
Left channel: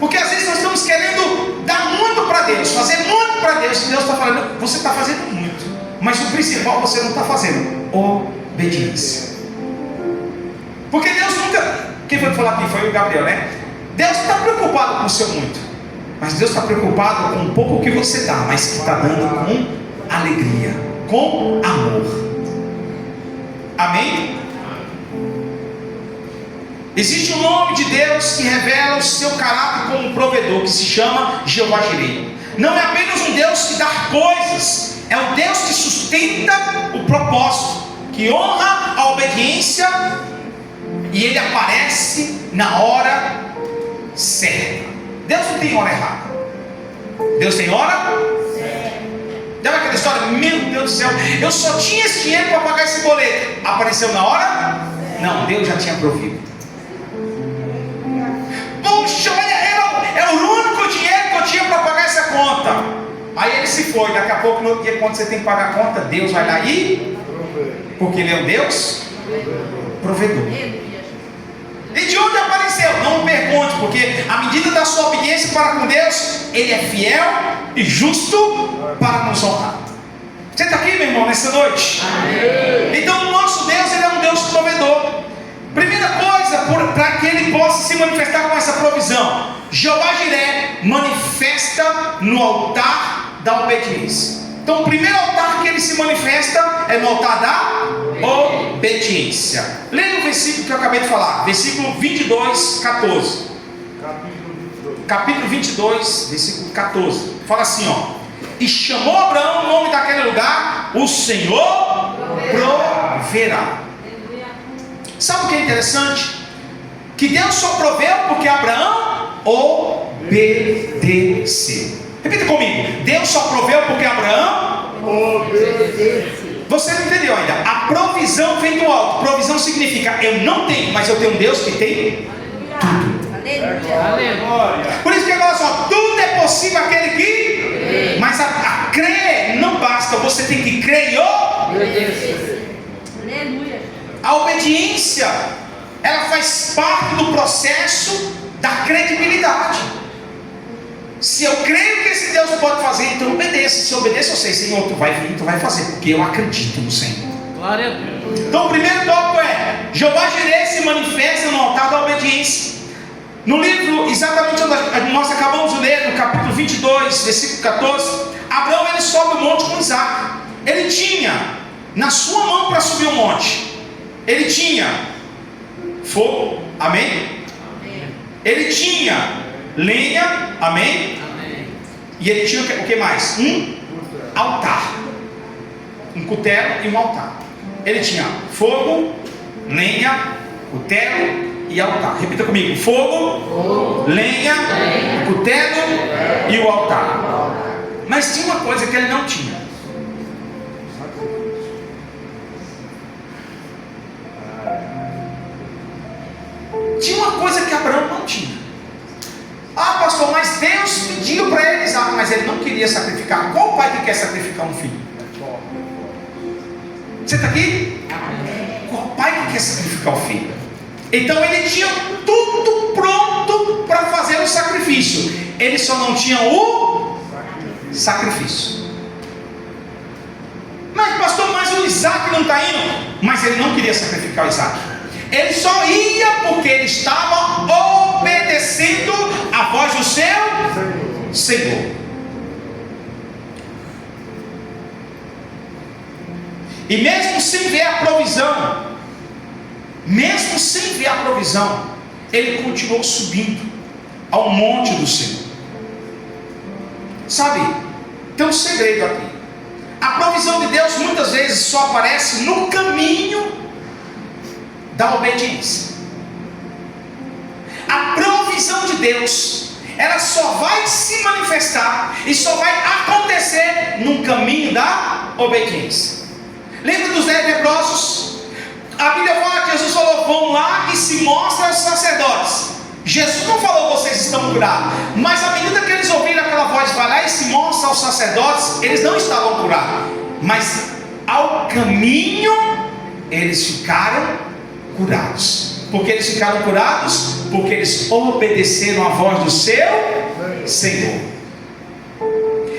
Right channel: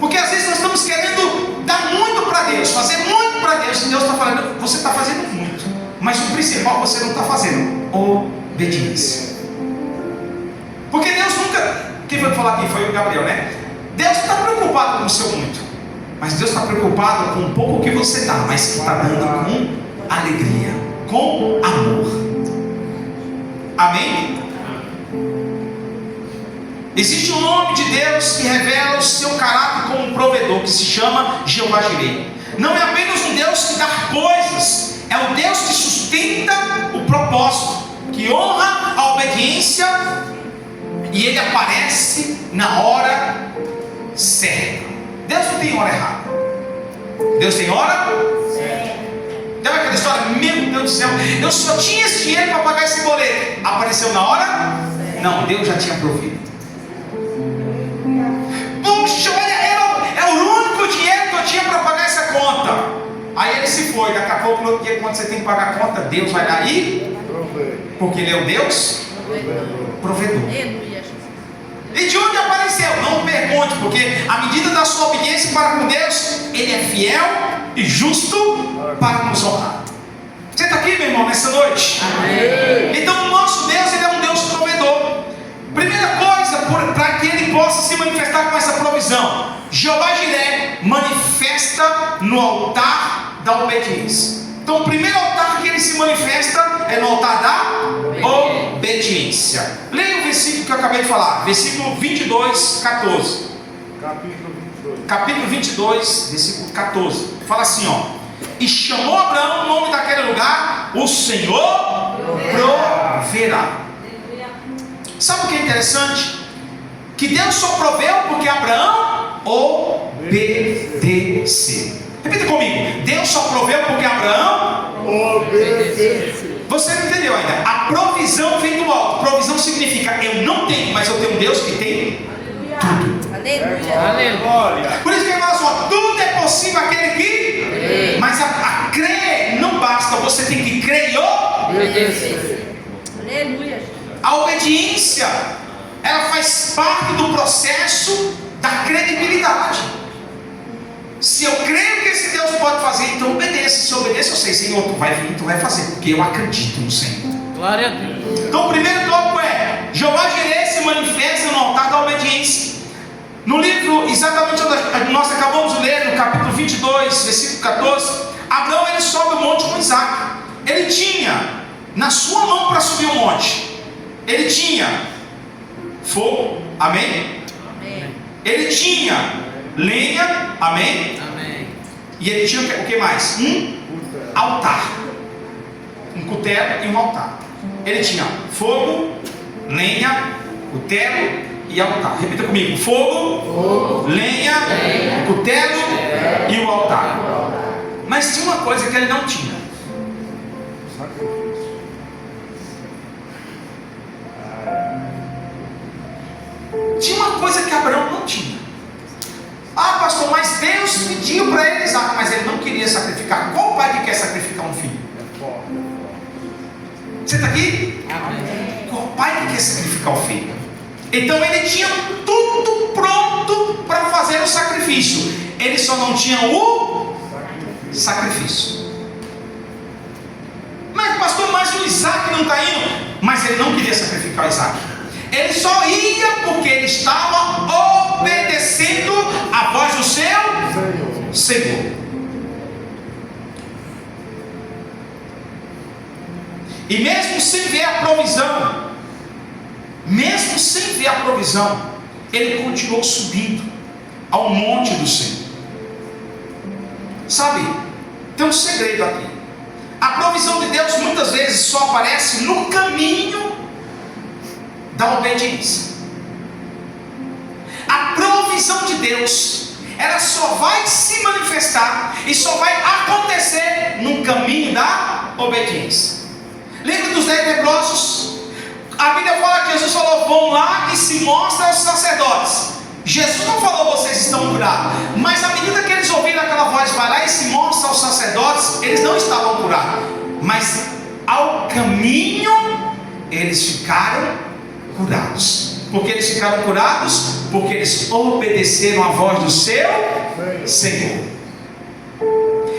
Porque às vezes nós estamos querendo dar muito para Deus, fazer muito para Deus, e Deus está falando: você está fazendo muito, mas o principal você não está fazendo: obediência. Porque Deus nunca, quem foi falar aqui? Foi o Gabriel, né? Deus não está preocupado com o seu muito, mas Deus está preocupado com o pouco que você dá, mas que está dando com alegria, com amor. Amém? Existe um nome de Deus que revela o seu caráter como um provedor, que se chama Jeová Jireh. Não é apenas um Deus que dá coisas, é um Deus que sustenta o propósito, que honra a obediência, e Ele aparece na hora certa. Deus não tem hora errada. Deus tem hora certa. Lembra aquela história? Meu Deus do céu, eu só tinha esse dinheiro para pagar esse boleto. Apareceu na hora? Não, Deus já tinha provido. Puxa, olha, é o único dinheiro que eu tinha para pagar essa conta. Aí ele se foi. Daqui a pouco, no dia, quando você tem que pagar a conta, Deus vai lá e, porque Ele é o Deus provedor. E de onde apareceu? Não pergunte, porque à medida da sua obediência para com Deus, Ele é fiel e justo para nos honrar. Você está aqui, meu irmão, nessa noite? Amém. Então o nosso Deus, Ele é um Deus provedor. Primeira coisa, para que Ele possa se manifestar com essa provisão, Jeová Jireh manifesta no altar da obediência. Então o primeiro altar que Ele se manifesta é no altar da obediência. Leia o versículo que eu acabei de falar, versículo 22, 14. Capítulo 22, versículo 14. Fala assim, ó: e chamou Abraão o nome daquele lugar: o Senhor proverá. Sabe o que é interessante? Que Deus só proveu porque Abraão obedeceu. Repita comigo: Deus só proveu porque Abraão obedeceu. Você não entendeu ainda? A provisão vem do alto. Provisão significa: eu não tenho, mas eu tenho um Deus que tem tudo. Aleluia. Por isso que ele fala assim: tudo é possível aquele que. Mas a crer não basta, você tem que crer e obedecer. Aleluia. A obediência, ela faz parte do processo da credibilidade. Se eu creio que esse Deus pode fazer, então obedeça. Se eu obedeço, eu sei: Senhor, tu vai vir, tu vai fazer, porque eu acredito no Senhor. Glória a Deus. Então o primeiro tópico é: Jeová Jireh se manifesta no altar da obediência. No livro, exatamente onde nós acabamos de ler, no capítulo 22, versículo 14, Abraão, ele sobe o monte com Isaac. Ele tinha na sua mão para subir o monte, ele tinha fogo, amém? Ele tinha lenha, amém? E ele tinha o que mais? Um altar, um cutelo e um altar. Ele tinha fogo, lenha, cutelo e altar. Repita comigo: fogo, lenha, cutelo e o altar. Mas tinha uma coisa que ele não tinha. Tinha uma coisa que Abraão não tinha. Ah, pastor, mas Deus pediu para ele Isaac, mas ele não queria sacrificar. Qual pai que quer sacrificar um filho? Você está aqui? Qual pai que quer sacrificar o filho? Então ele tinha tudo pronto para fazer o sacrifício. Ele só não tinha o sacrifício. Mas pastor, mas o Isaac não está indo. Mas ele não queria sacrificar o Isaac. Ele só ia porque ele estava obedecendo a voz do seu Senhor. E mesmo sem ver a provisão, ele continuou subindo ao monte do Senhor. Sabe, tem um segredo aqui. A provisão de Deus muitas vezes só aparece no caminho da obediência. A provisão de Deus, ela só vai se manifestar e só vai acontecer no caminho da obediência. Lembra dos 10 leprosos? A Bíblia fala que Jesus falou: vão lá e se mostra aos sacerdotes. Jesus não falou: vocês estão curados. Mas à medida que eles ouviram aquela voz, vai lá e se mostra aos sacerdotes, eles não estavam curados. Mas ao caminho eles ficaram curados. Por que eles ficaram curados? Porque eles obedeceram a voz do seu Senhor.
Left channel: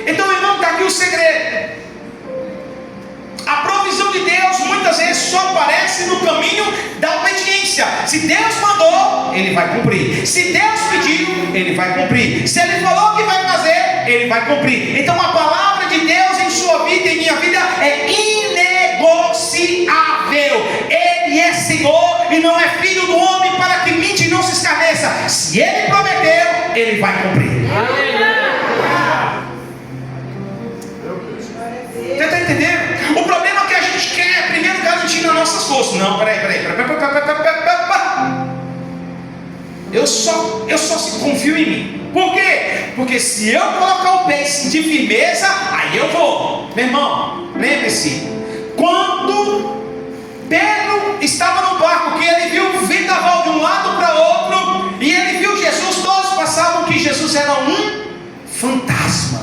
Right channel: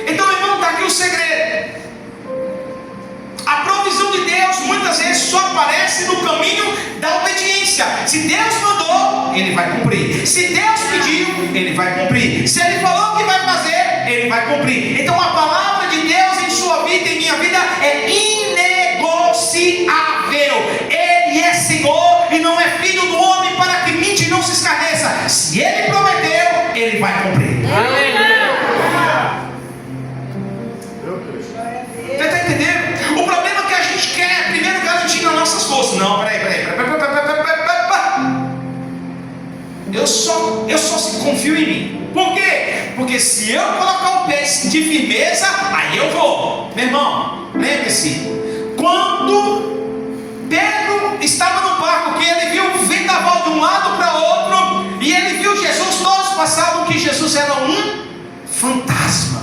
Então, meu irmão, está aqui o segredo. A provisão de Deus muitas vezes só aparece no caminho da obediência. Se Deus mandou, Ele vai cumprir. Se Deus pediu, Ele vai cumprir. Se Ele falou que vai fazer, Ele vai cumprir. Então a palavra de Deus em sua vida e em minha vida é inegociável. Ele é Senhor e não é filho do homem para que mente e não se escarneça. Se Ele prometeu, Ele vai cumprir. Você está entendendo? O problema é que a gente quer primeiro garantir nas nossas forças. Não, peraí. Eu só se confio em mim. Por quê? Porque se eu colocar o pé de firmeza, aí eu vou. Meu irmão, lembre-se, quando Pedro estava no barco, que ele viu o vendaval de um lado para outro, e ele viu Jesus, todos passavam que Jesus era um fantasma.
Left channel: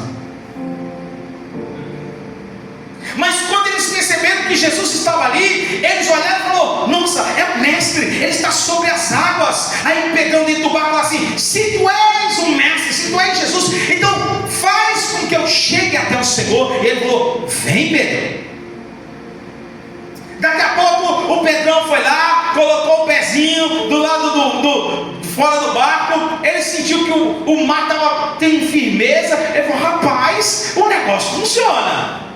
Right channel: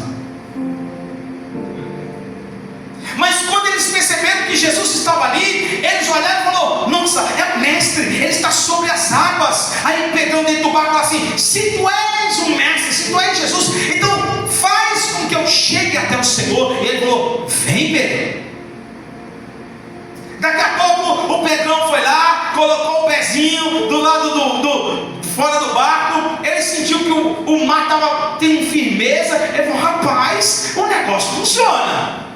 Mas quando eles perceberam que Jesus estava ali, eles olharam e falaram: nossa, é o mestre, ele está sobre as águas. Aí Pedro dentro do barco falou assim: se tu és o mestre, se tu és Jesus, então faz com que eu chegue até o Senhor. E ele falou: vem, Pedro. Daqui a pouco o Pedrão foi lá, colocou o pezinho do lado fora do barco. Ele sentiu que o mar estava tem firmeza. Ele falou: rapaz, o negócio funciona.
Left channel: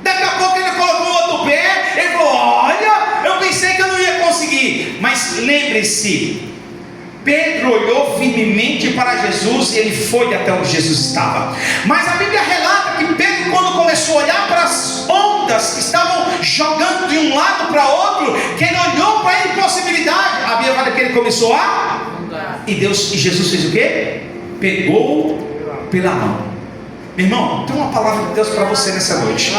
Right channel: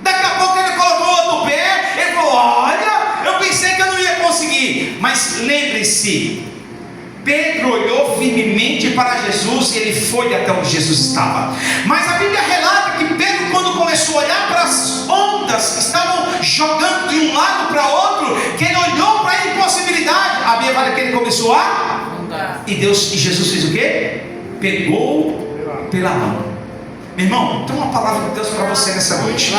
Daqui a pouco ele colocou o outro pé. Ele falou: olha, eu pensei que eu não ia conseguir. Mas lembre-se, Pedro olhou firmemente para Jesus e ele foi até onde Jesus estava. Mas a Bíblia relata que Pedro, quando começou a olhar para as ondas que estavam jogando de um lado para outro, que ele olhou para a impossibilidade, a Bíblia fala que ele começou a... E Jesus fez o quê? Pegou pela mão. Meu irmão, tem uma palavra de Deus para você nessa noite.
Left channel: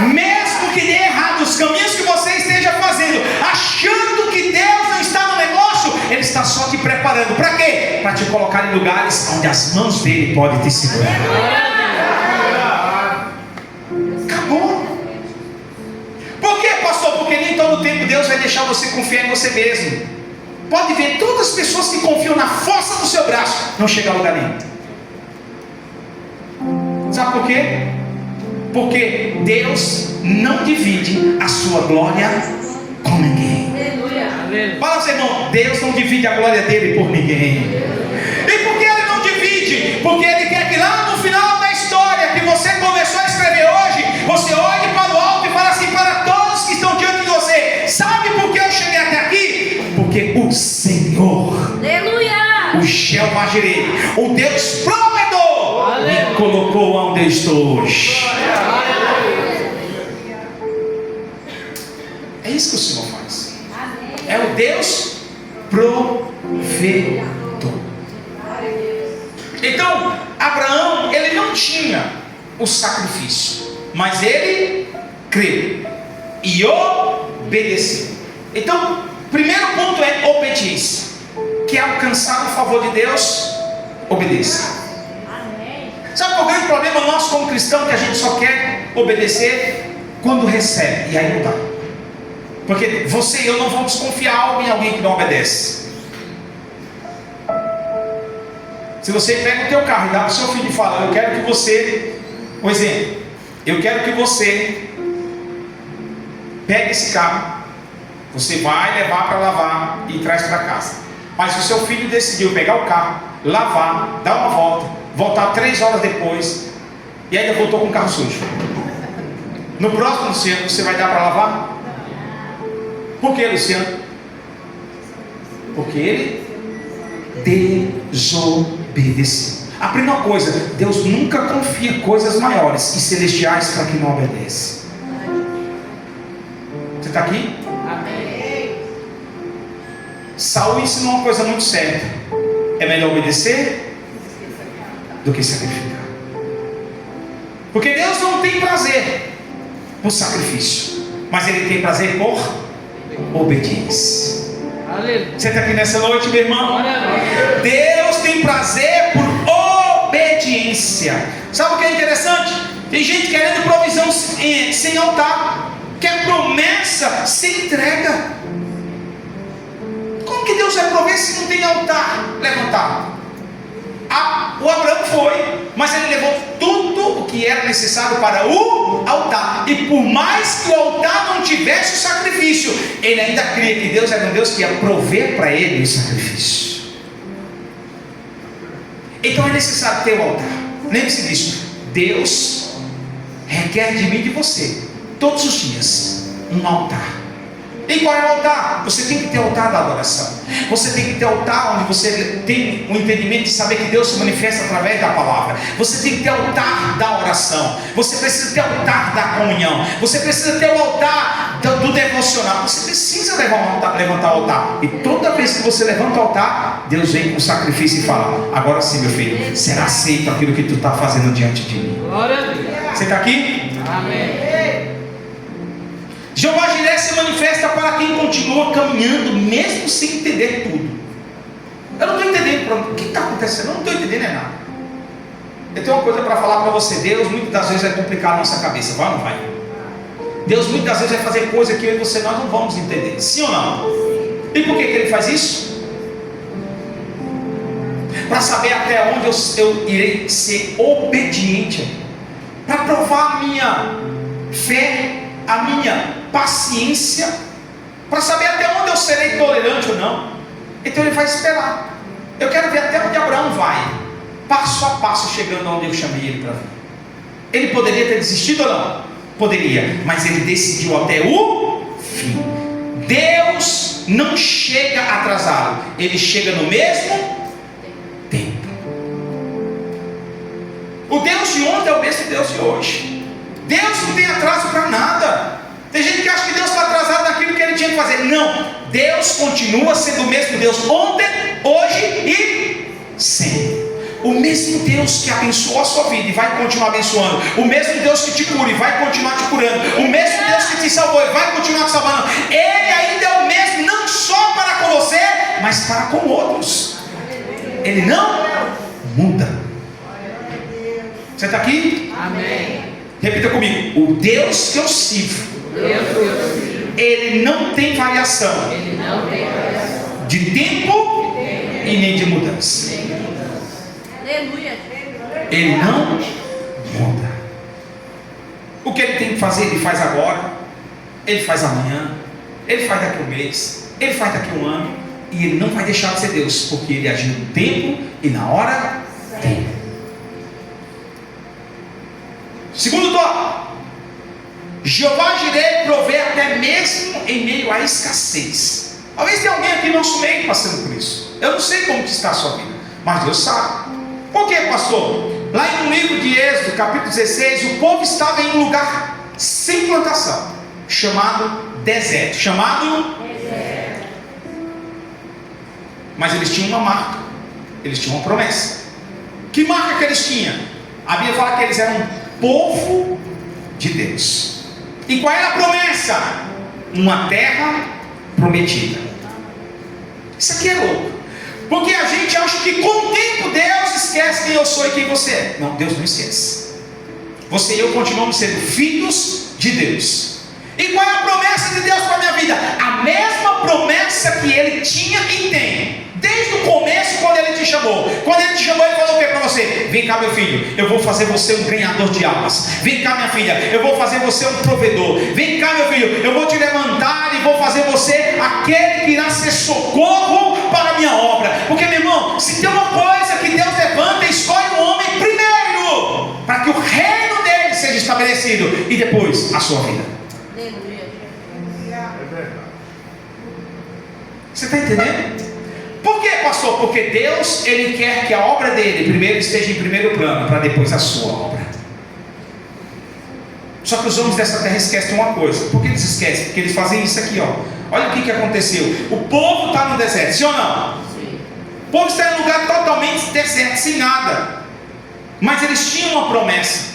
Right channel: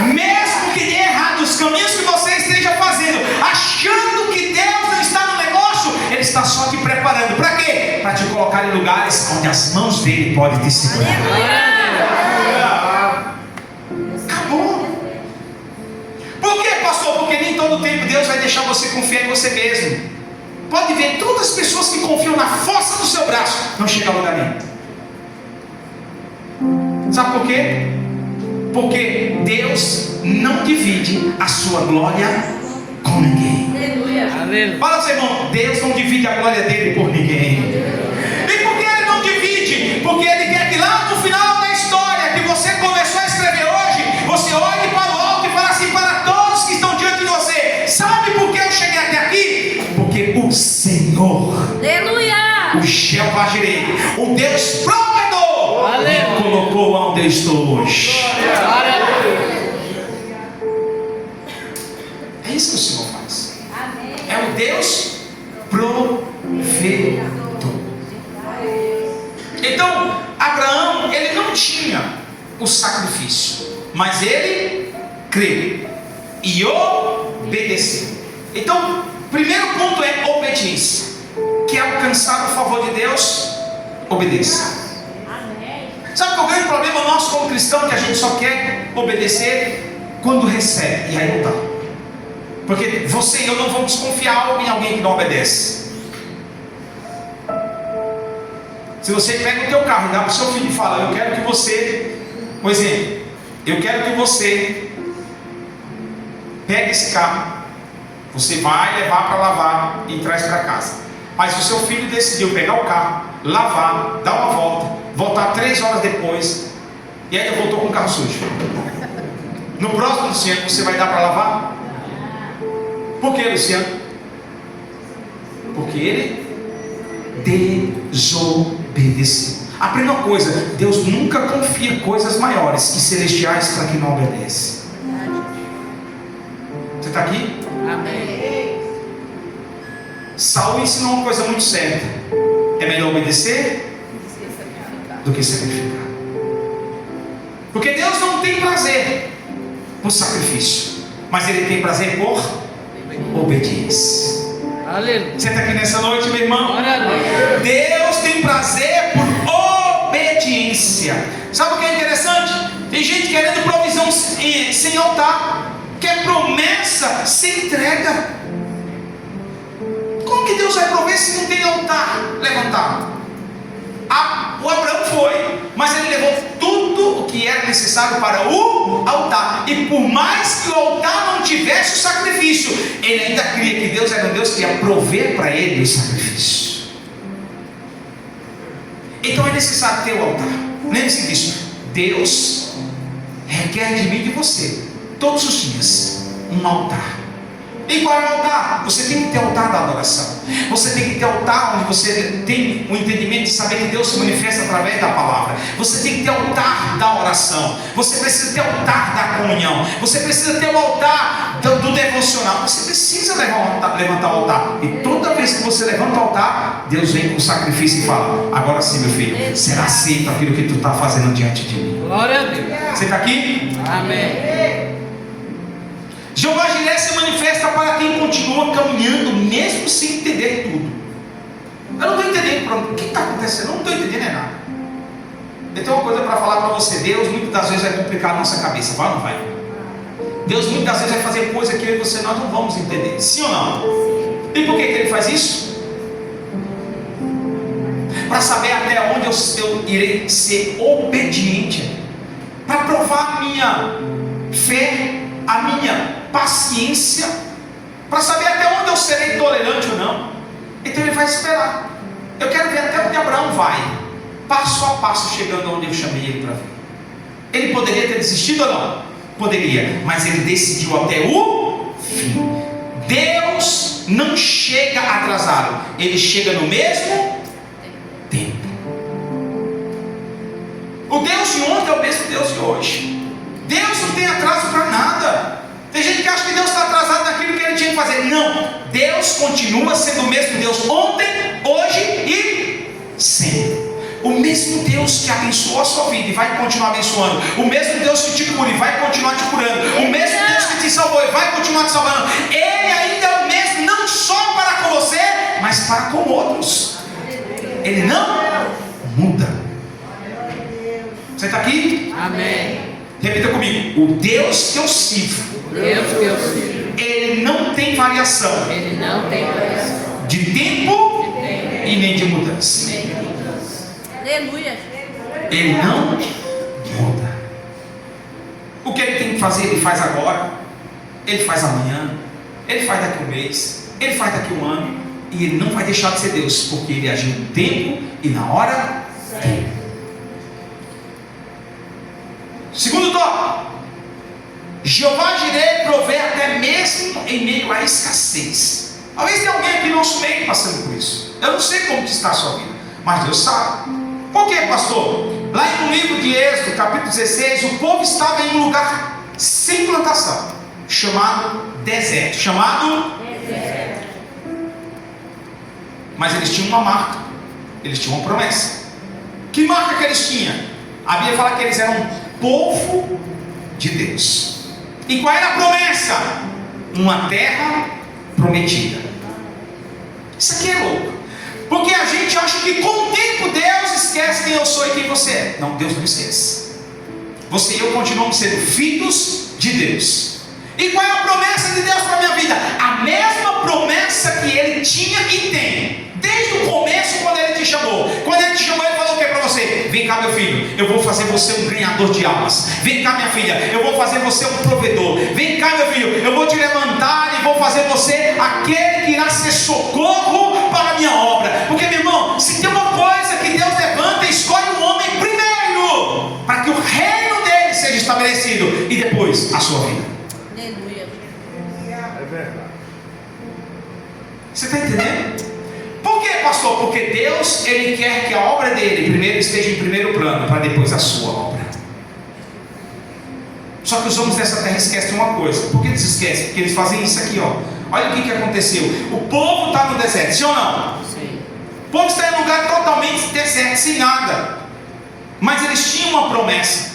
Mesmo que dê errado os caminhos que você esteja fazendo, achando que Deus não está no negócio, Ele está só te preparando. Para quê? Para te colocar em lugares onde as mãos dele podem te segurar. Acabou. Por quê, pastor? Porque nem todo tempo Deus vai deixar você confiar em você mesmo. Pode ver, todas as pessoas que confiam na força do seu braço não chegam a lugar nenhum. Sabe por quê? Porque Deus não divide a sua glória com ninguém. Fala para o seu irmão: Deus não divide a glória dele por ninguém. E por que Ele não divide? Porque Ele quer que lá no final da história que você começou a escrever hoje, você olhe para o alto e fale assim para todos que estão diante de você: sabe por que eu cheguei até aqui? Porque Porque o Senhor, Aleluia! o Jeová Jireh, o Deus provedor, me colocou onde eu estou hoje. É isso que o Senhor faz. É o Deus provedor. Então, Abraão, ele não tinha o sacrifício, mas ele creu e obedeceu. Então, primeiro ponto é obediência. Quer alcançar o favor de Deus? Obedeça. Sabe qual é o grande problema nosso como cristão? Que a gente só quer obedecer quando recebe, e aí não dá. Porque você e eu não vamos confiar em alguém que não obedece. Se você pega o teu carro e dá para o seu filho e fala: eu quero que você, por exemplo, eu quero que você pegue esse carro, você vai levar para lavar e traz para casa. Mas o seu filho decidiu pegar o carro, lavar, dar uma volta, voltar 3 horas depois, e ainda voltou com o carro sujo. No próximo, Luciano, você vai dar para lavar? Por que, Luciano? Porque ele desobedeceu. Aprenda uma coisa: Deus nunca confia coisas maiores e celestiais para quem não obedece. Você está aqui? Amém. Saul ensinou uma coisa muito certa: é melhor obedecer do que sacrificar. Porque Deus não tem prazer por sacrifício, mas Ele tem prazer por obediência. Aleluia. Você está aqui nessa noite, meu irmão? Glória a Deus. Deus tem prazer por obediência. Sabe o que é interessante? Tem gente querendo provisão sem altar, quer promessa sem entrega. Como que Deus vai prover se não tem altar levantado? O Abraão foi, mas ele levou tudo o que era necessário para o altar. E por mais que o altar não tivesse o sacrifício, ele ainda cria que Deus era um Deus que ia prover para ele o sacrifício. Então é necessário ter o altar. Lembre-se disso. Deus requer de mim e de você, todos os dias, um altar. E qual é o altar? Você tem que ter o altar da adoração. Você tem que ter o altar onde você tem o entendimento de saber que Deus se manifesta através da palavra. Você tem que ter o altar da oração. Você precisa ter o altar da comunhão. Você precisa ter o altar do devocional. Você precisa levantar o altar. E toda vez que você levanta o altar, Deus vem com o sacrifício e fala: agora sim, meu filho, será aceito aquilo que tu está fazendo diante de mim. Glória a Deus. Você está aqui? Amém. Jeová Jireh se manifesta para quem continua caminhando, mesmo sem entender tudo. Eu não estou entendendo o que está acontecendo, eu não estou entendendo nada. Eu tenho uma coisa para falar para você: Deus muitas das vezes vai complicar a nossa cabeça, vai ou não vai? Deus muitas das vezes vai fazer coisa que eu e você nós não vamos entender, sim ou não? E por que Ele faz isso? Para saber até onde eu irei ser obediente, para provar a minha fé, a minha paciência, para saber até onde eu serei tolerante ou não. Então Ele vai esperar. Eu quero ver até onde Abraão vai, passo a passo, chegando onde eu chamei ele para vir. Ele poderia ter desistido ou não? Poderia, mas ele decidiu até o fim. Deus não chega atrasado, Ele chega no mesmo tempo. O Deus de ontem é o mesmo Deus de hoje. Deus não tem atraso para nada. Tem gente que acha que Deus está atrasado naquilo que Ele tinha que fazer. Não, Deus continua sendo o mesmo Deus ontem, hoje e sempre. O mesmo Deus que abençoou a sua vida e vai continuar abençoando. O mesmo Deus que te cura e vai continuar te curando. O mesmo Deus que te salvou e vai continuar te salvando. Ele ainda é o mesmo, não só para com você, mas para com outros. Ele não muda. Você está aqui? Amém. Repita comigo: o Deus que eu sirvo, Deus que eu sirvo, Ele não tem variação Ele não tem variação. de tempo e nem de mudança. Aleluia. Ele não muda. O que Ele tem que fazer, Ele faz agora, Ele faz amanhã, Ele faz daqui a um mês, Ele faz daqui a um ano. E Ele não vai deixar de ser Deus, porque Ele agiu no tempo e na hora dele. Segundo tópico: Jeová Jireh provê até mesmo em meio à escassez. Talvez tenha alguém aqui no nosso meio passando por isso. Eu não sei como que está a sua vida, mas Deus sabe. Por quê, pastor? Lá no livro de Êxodo, capítulo 16, o povo estava em um lugar sem plantação, chamado deserto. Mas eles tinham uma marca, eles tinham uma promessa. Que marca que eles tinham? A Bíblia fala que eles eram povo de Deus. E qual era a promessa? Uma terra prometida. Isso aqui é louco, porque a gente acha que com o tempo Deus esquece quem eu sou e quem você é. Não, Deus não esquece. Você e eu continuamos sendo filhos de Deus. E qual é a promessa de Deus para a minha vida? A mesma promessa que Ele tinha e tem desde o começo, quando Ele te chamou. Quando Ele te chamou, Ele falou o que para você? Vem cá, meu filho, eu vou fazer você um ganhador de almas. Vem cá, minha filha, eu vou fazer você um provedor. Vem cá, meu filho, eu vou te levantar e vou fazer você aquele que irá ser socorro para a minha obra. Porque, meu irmão, se tem uma coisa que Deus levanta, escolhe o homem primeiro, para que o reino dele seja estabelecido, e depois a sua vida. Você está entendendo? Por que, pastor? Porque Deus, Ele quer que a obra dele primeiro esteja em primeiro plano, para depois a sua obra. Só que os homens dessa terra esquecem uma coisa. Por que eles esquecem? Porque eles fazem isso aqui, ó. Olha o que aconteceu. O povo está no deserto, sim ou não? Sim. O povo está em um lugar totalmente deserto, sem nada. Mas eles tinham uma promessa.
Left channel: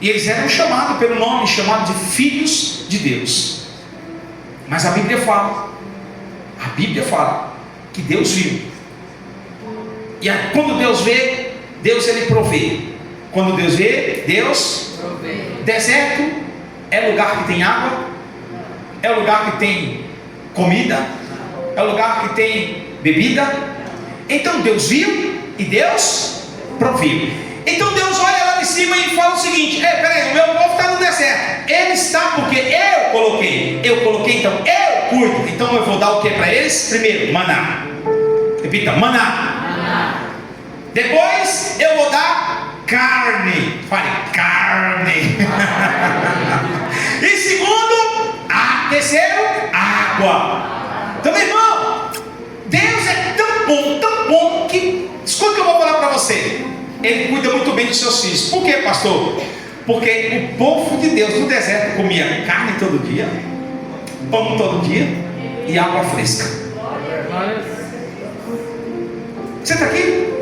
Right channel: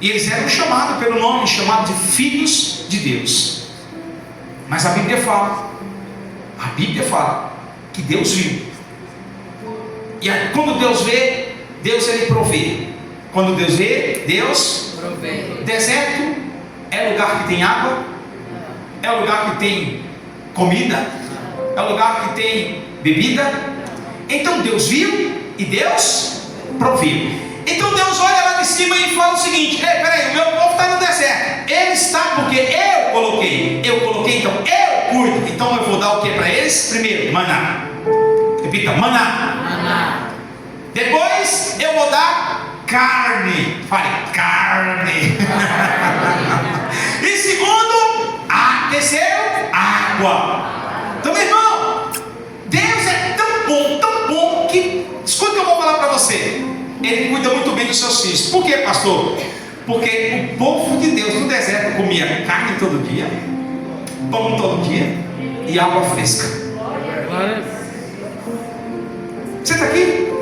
E eles eram chamados pelo nome, chamados de filhos de Deus. Mas a Bíblia fala que Deus viu. E aí, quando Deus vê, Deus Ele provê. Quando Deus vê, Deus provê. Deserto é lugar que tem água, é lugar que tem comida, é lugar que tem bebida. Então Deus viu e Deus proveu. Então Deus olha lá de cima e fala o seguinte: ei, peraí, o meu povo está no deserto. Ele está porque eu coloquei, então eu cuido. Então eu vou dar o que para eles? Primeiro, maná. Repita, maná. Depois eu vou dar carne. Fale, carne. E segundo, terceiro, água. Então, meu irmão, Deus é tão bom que, escuta o que eu vou falar para você. Ele cuida muito bem dos seus filhos. Por quê, pastor? Porque o povo de Deus no deserto comia carne todo dia, pão todo dia e água fresca. Você está aqui?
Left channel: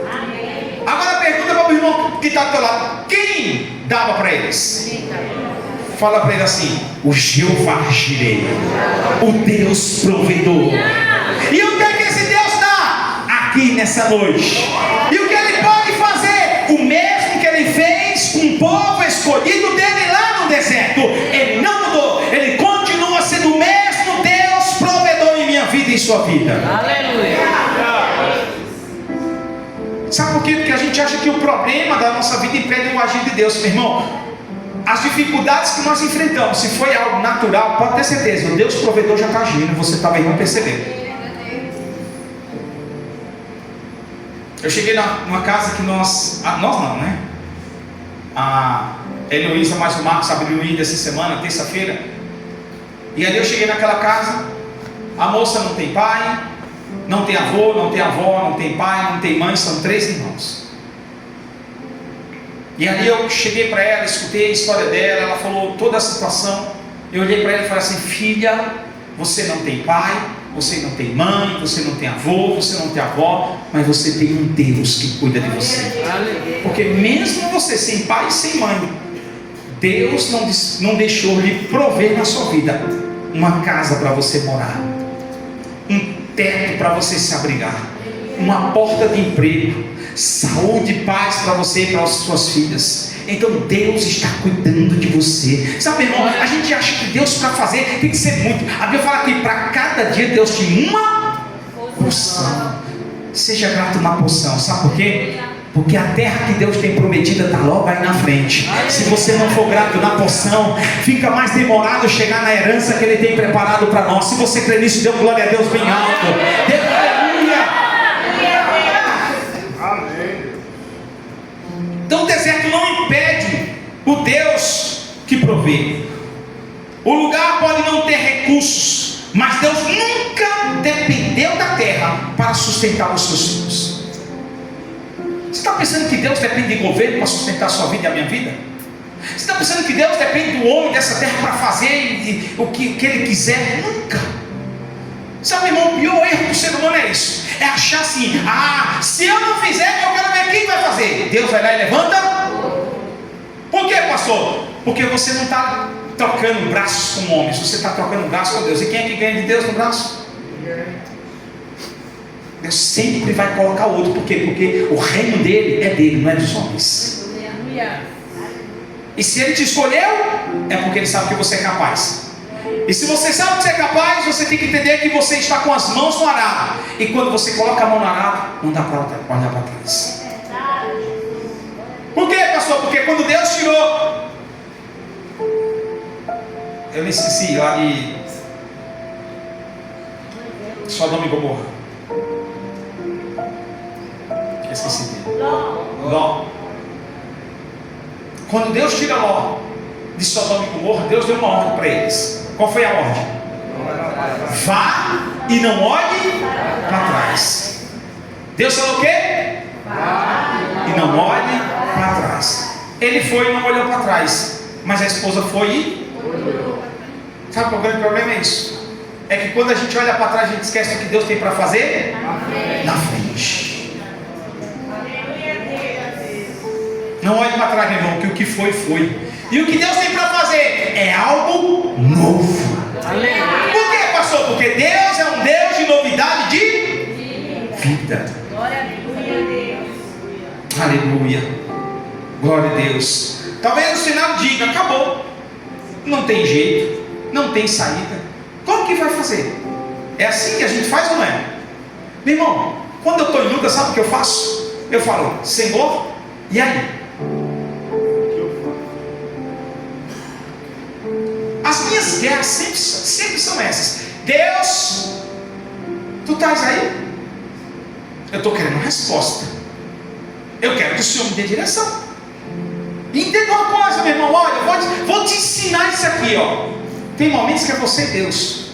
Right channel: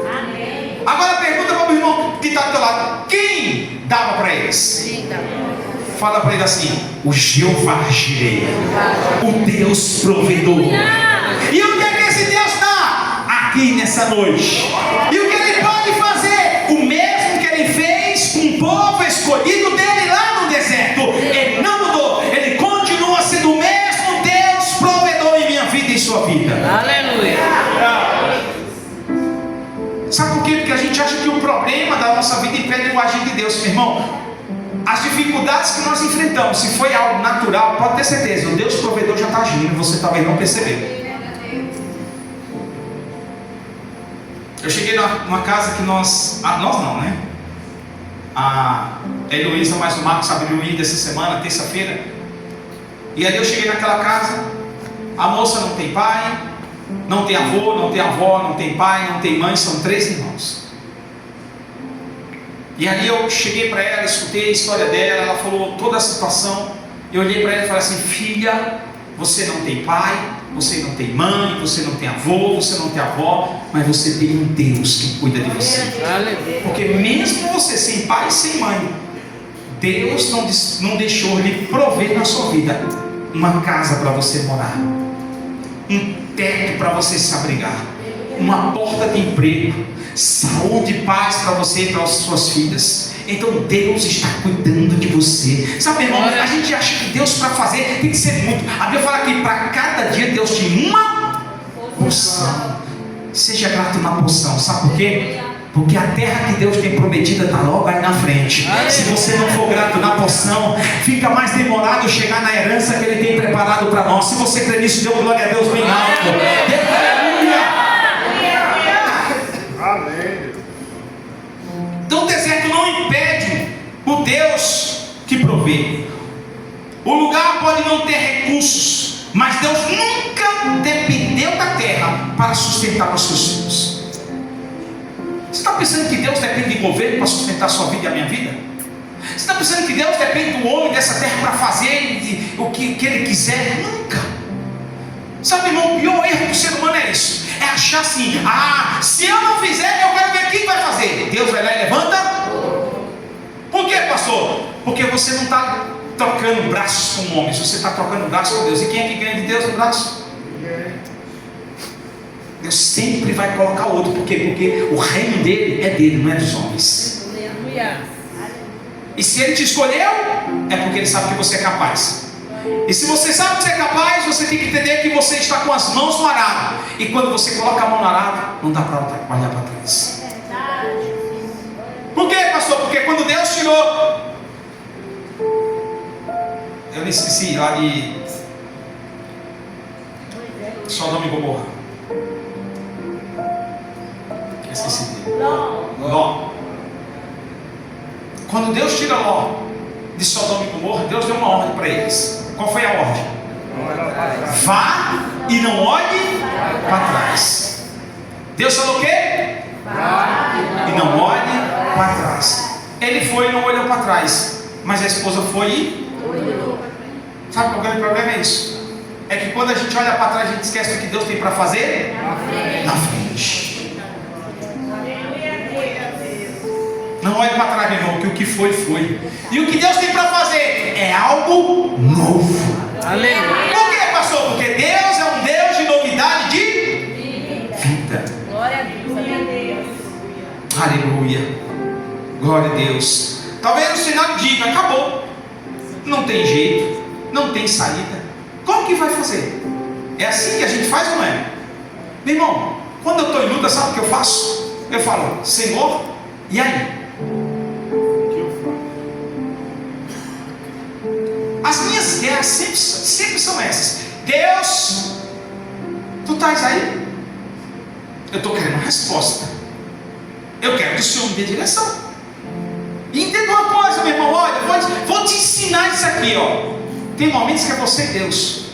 Agora pergunta para o irmão que está do teu lado: quem dava para eles? Fala para ele assim: o Jeová Jireh, o Deus provedor. E o que é que esse Deus dá aqui nessa noite? E o que ele pode fazer? O mesmo que ele fez com o povo escolhido dele lá no deserto. Ele não mudou, ele continua sendo o mesmo Deus provedor em minha vida e em sua vida. Aleluia. Sabe por quê? Porque a gente acha que o problema da nossa vida impede o agir de Deus, meu irmão. As dificuldades que nós enfrentamos, se foi algo natural, pode ter certeza, o Deus provedor já está agindo, você talvez não percebeu. Eu cheguei numa casa que nós não, né? A Heloísa mais o Marcos abriu o ID essa semana, terça-feira. E ali eu cheguei naquela casa, a moça não tem pai, não tem avô, não tem avó, não tem pai, não tem mãe, são 3 irmãos. E ali eu cheguei para ela, escutei a história dela, ela falou toda a situação. Eu olhei para ela e falei assim: filha, você não tem pai, você não tem mãe, você não tem avô, você não tem avó, mas você tem um Deus que cuida de você. Porque mesmo você sem pai e sem mãe, Deus não deixou de prover na sua vida uma casa para você morar, um teto para você se abrigar, uma porta de emprego, saúde e paz para você e para as suas filhas. Então Deus está cuidando de você. Sabe, irmão, a gente acha que Deus para fazer tem que ser muito. A Bíblia fala que para cada dia Deus tem uma porção. Seja grato na porção. Sabe por quê? Porque a terra que Deus tem prometida está logo aí na frente. Se você não for grato na porção, fica mais demorado chegar na herança que Ele tem preparado para nós. Se você crê nisso, dê glória a Deus bem alto. Aleluia. Então o deserto não impede o Deus que provê. O lugar pode não ter recursos, mas Deus nunca depende para sustentar os seus filhos. Você está pensando que Deus depende de governo para sustentar a sua vida e a minha vida? Você está pensando que Deus depende do homem dessa terra para fazer o que ele quiser? Nunca. Sabe, irmão, o pior erro do ser humano é isso. É achar assim, se eu não fizer, eu quero ver quem vai fazer. Deus vai lá e levanta. Por quê, pastor? Porque você não está trocando braços com homens, você está trocando braços com Deus. E quem é que ganha de Deus no braço? Deus sempre vai colocar outro. Por quê? Porque o reino dele é dele, não é dos homens. Aleluia. E se ele te escolheu, é porque ele sabe que você é capaz. E se você sabe que você é capaz, você tem que entender que você está com as mãos no arado. E quando você coloca a mão no arado, não dá para olhar para trás. Por quê, pastor? Porque quando Deus tirou, eu me esqueci lá de Sodoma e Gomorra. Esqueci dele. Ló. Quando Deus tira Ló de Sodoma e Gomorra, Deus deu uma ordem para eles. Qual foi a ordem? Vá e não olhe para trás. Deus falou o quê? Vá e não olhe para trás. Ele foi e não olhou para trás, mas a esposa foi e... Sabe qual é o grande problema? É isso. É que quando a gente olha para trás, a gente esquece o que Deus tem para fazer na frente. Não olhe para trás, meu irmão, que o que foi, foi. E o que Deus tem para fazer é algo novo. Aleluia. Por quê, pastor? Porque Deus é um Deus de novidade de vida. Glória a Deus. Aleluia. Glória a Deus. Talvez o Senado diga, acabou. Não tem jeito, não tem saída. Como que vai fazer? É assim que a gente faz ou não é? Meu irmão, quando eu estou em luta, sabe o que eu faço? Eu falo, Senhor, e aí? As minhas guerras sempre são essas. Deus, tu estás aí? Eu estou querendo uma resposta. Eu quero que o Senhor me dê direção. E entenda uma coisa, meu irmão, olha, vou te ensinar isso aqui, ó. Tem momentos que é você e Deus.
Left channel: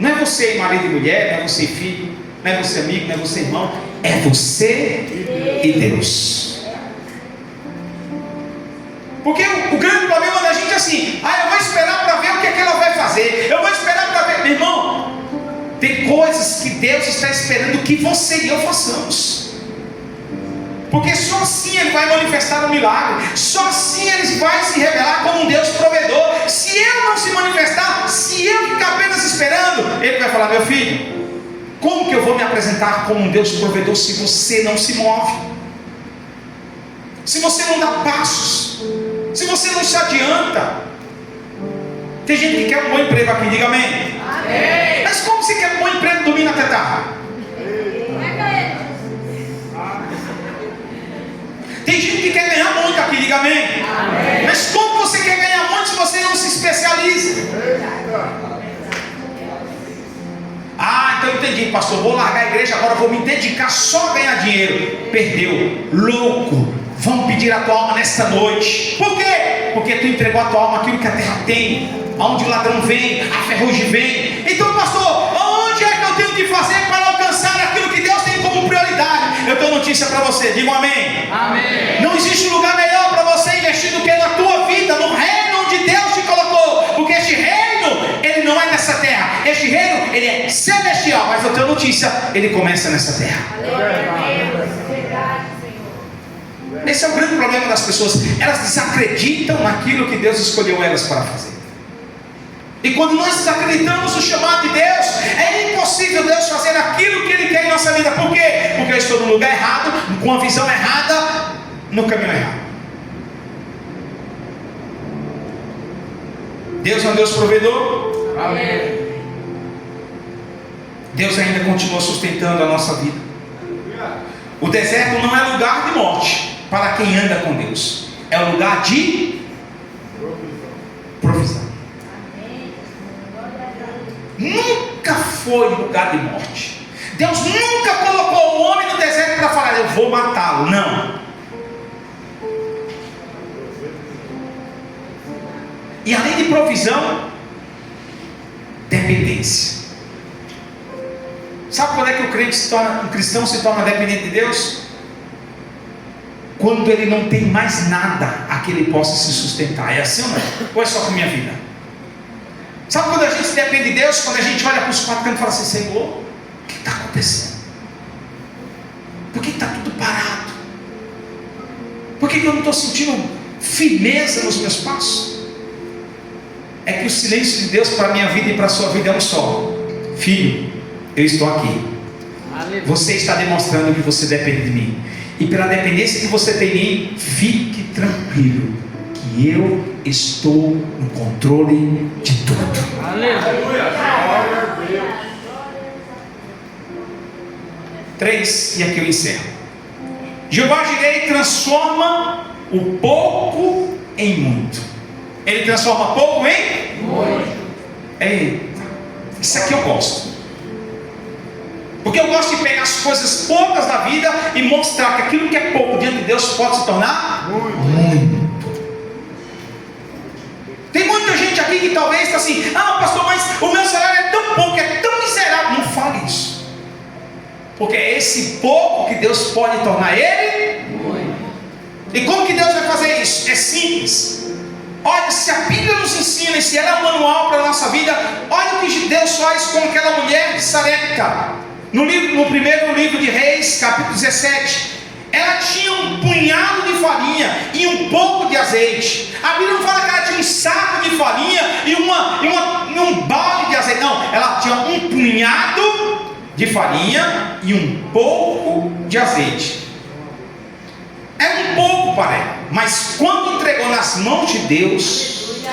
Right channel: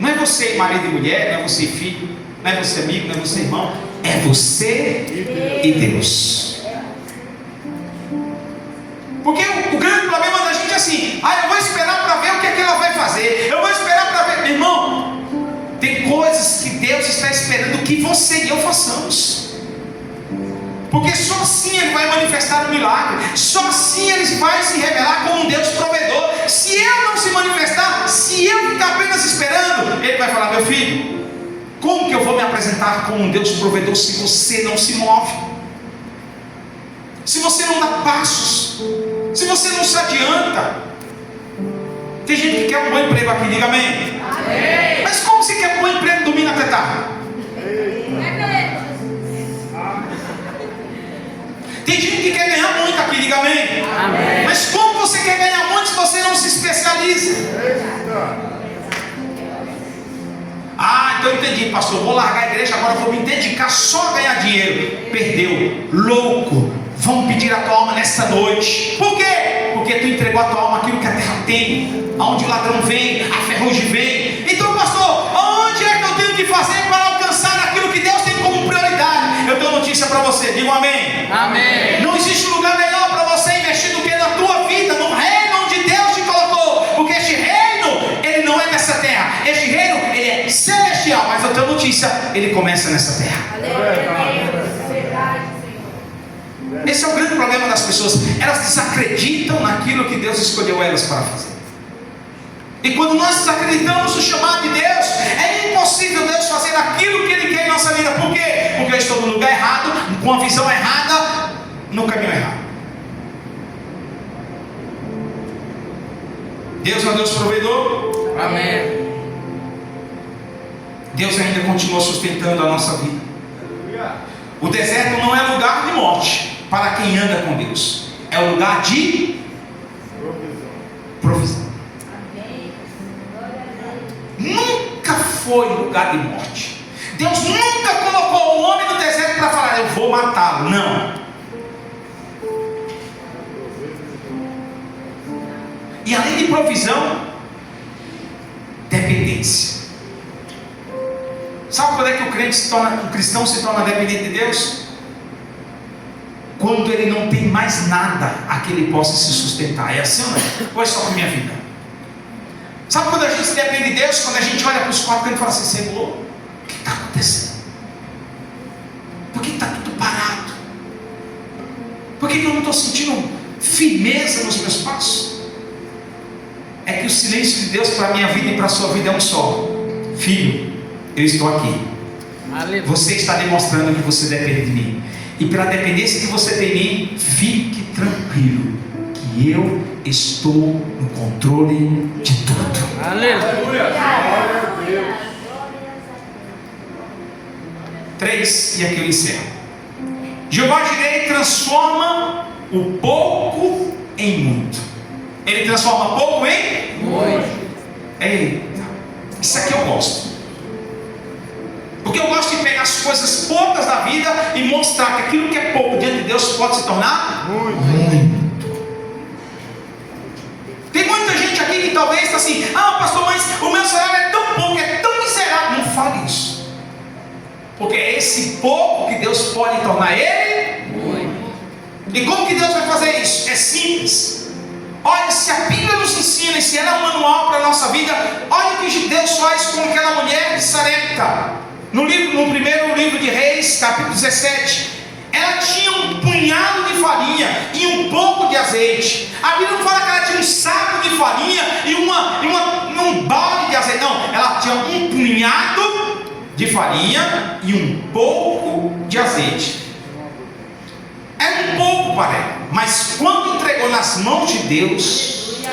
Não é você marido e mulher, não é você filho, não é você amigo, não é você irmão. É você e Deus. Porque o grande problema da gente é assim, eu vou esperar para ver o que é que ela vai fazer. Eu vou esperar para ver. Meu irmão, tem coisas que Deus está esperando que você e eu façamos. Porque só assim Ele vai manifestar um milagre. Só assim Ele vai se revelar como um Deus provedor. Se eu não se manifestar, se eu ficar apenas esperando, Ele vai falar, meu filho, como que eu vou me apresentar como um Deus provedor se você não se move? Se você não dá passos, se você não se adianta. Tem gente que quer um bom emprego aqui, diga amém. Amém. Mas como você quer um bom emprego domingo até tarde? Tem gente que quer ganhar muito aqui, diga amém. Amém. Mas como você quer ganhar muito se você não se especializa? Então eu entendi, pastor, vou largar a igreja, agora vou me dedicar só a ganhar dinheiro. Perdeu, louco. Vão pedir a tua alma nesta noite. Por quê? Porque tu entregou a tua alma aquilo que a terra tem, aonde o ladrão vem, a ferrugem vem. Então, pastor, aonde é que eu tenho que fazer para alcançar aquilo que Deus tem como prioridade? Eu tenho notícia para você, diga amém. Amém. Não existe lugar melhor para você investir do que na tua vida, no reino onde Deus te colocou. Porque este reino, ele não é nessa terra. Este reino, ele é celestial. Mas eu tenho notícia, ele começa nessa terra. Esse é o grande problema das pessoas. Elas desacreditam naquilo que Deus escolheu elas para fazer. E quando nós desacreditamos no chamado de Deus, é impossível Deus fazer aquilo que Ele quer em nossa vida. Por quê? Porque eu estou no lugar errado, com a visão errada, no caminho errado. Deus é um Deus provedor. Amém. Deus ainda continua sustentando a nossa vida. O deserto não é lugar de morte para quem anda com Deus. É um lugar de provisão. Nunca foi lugar de morte. Deus nunca colocou o homem no deserto para falar, eu vou matá-lo. Não. E além de provisão, dependência. Sabe quando é que o crente um cristão se torna dependente de Deus? Quando ele não tem mais nada a que ele possa se sustentar. É assim ou não é? Ou é só com a minha vida? Sabe quando a gente depende de Deus? Quando a gente olha para os quatro cantos e fala assim: Senhor, o que está acontecendo? Por que está tudo parado? Por que eu não estou sentindo firmeza nos meus passos? É que o silêncio de Deus para a minha vida e para a sua vida é um só: filho, eu estou aqui. Aleluia. Você está demonstrando que você depende de mim. E pela dependência que você tem em mim, fique tranquilo, que eu estou no controle de tudo. Aleluia. 3, e aqui eu encerro. Jeová Jireh transforma o pouco em muito. Ele transforma pouco em Muito. Ei, isso aqui eu gosto. Porque eu gosto de pegar as coisas poucas da vida e mostrar que aquilo que é pouco diante de Deus pode se tornar muito. Tem muita gente aqui que talvez está assim: ah, pastor, mas o meu salário é tão pouco, é tão miserável. Não fale isso. Porque é esse pouco que Deus pode tornar ele muito. E como que Deus vai fazer isso? É simples. Olha, se a Bíblia nos ensina, e se ela é um manual para a nossa vida, olha o que Deus faz com aquela mulher de Sarepta. No primeiro livro de Reis, capítulo 17, ela tinha um punhado de farinha e um pouco de azeite. A Bíblia não fala que ela tinha um saco de farinha e um balde de azeite. Não, ela tinha um punhado de farinha e um pouco de azeite. Era um pouco para ela, mas quando entregou nas mãos de Deus,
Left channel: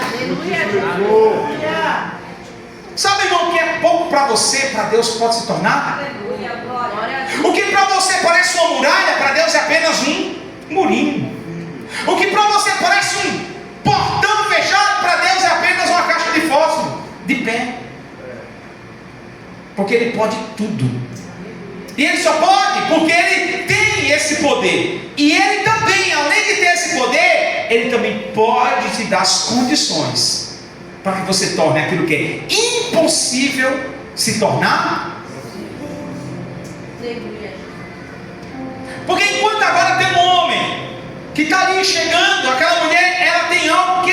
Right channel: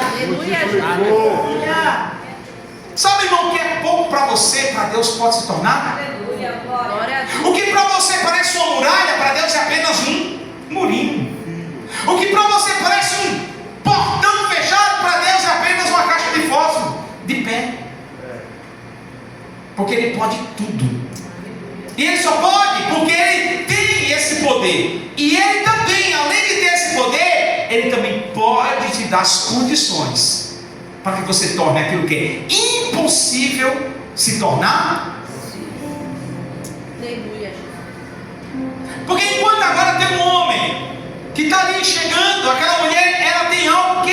sabe, irmão, o que é pouco para você, para Deus pode se tornar? O que para você parece uma muralha, para Deus é apenas um murinho. O que para você parece um portão fechado, para Deus é apenas uma caixa de fósforo de pé. Porque Ele pode tudo. E Ele só pode porque Ele tem esse poder. E Ele também, além de ter esse poder, Ele também pode te dar as condições para que você torne aquilo que é impossível se tornar. Porque enquanto agora tem um homem que está ali chegando, aquela mulher, ela tem algo que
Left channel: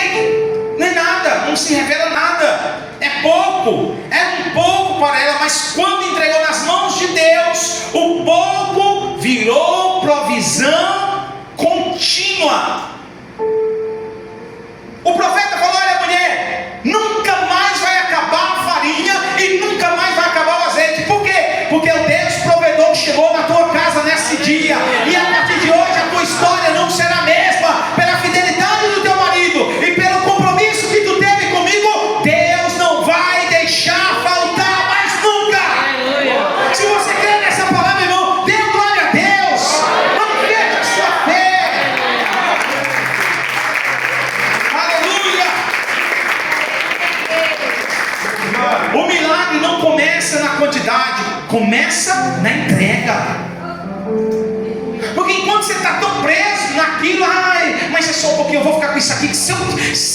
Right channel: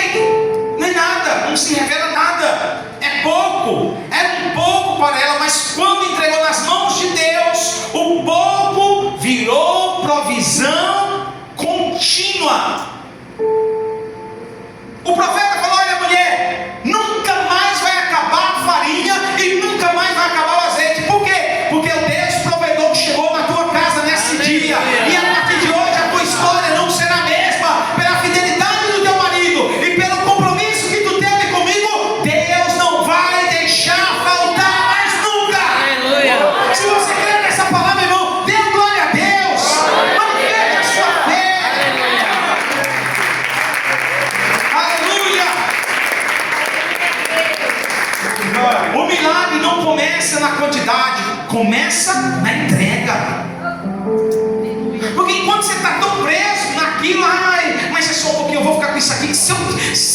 não é nada, não se revela nada, é pouco, é um pouco para ela, mas quando entregou nas mãos de Deus, o pouco virou provisão contínua. O profeta falou: olha, mulher, nunca mais vai acabar a farinha e nunca mais vai acabar o azeite. Por quê? Porque o Deus provedor chegou na tua casa nesse dia, e a partir de hoje a tua história não será a mesma. Pela fidelidade do teu marido e pelo compromisso que tu teve comigo, Deus não vai deixar faltar mais nunca. Aleluia. Se você crê nessa palavra, irmão, dê glória a Deus. Não perca a sua fé. Aleluia. O milagre não começa na quantidade, começa na entrega. Porque enquanto você está tão preso naquilo, ai, mas é só um pouquinho, eu vou ficar com isso aqui, que se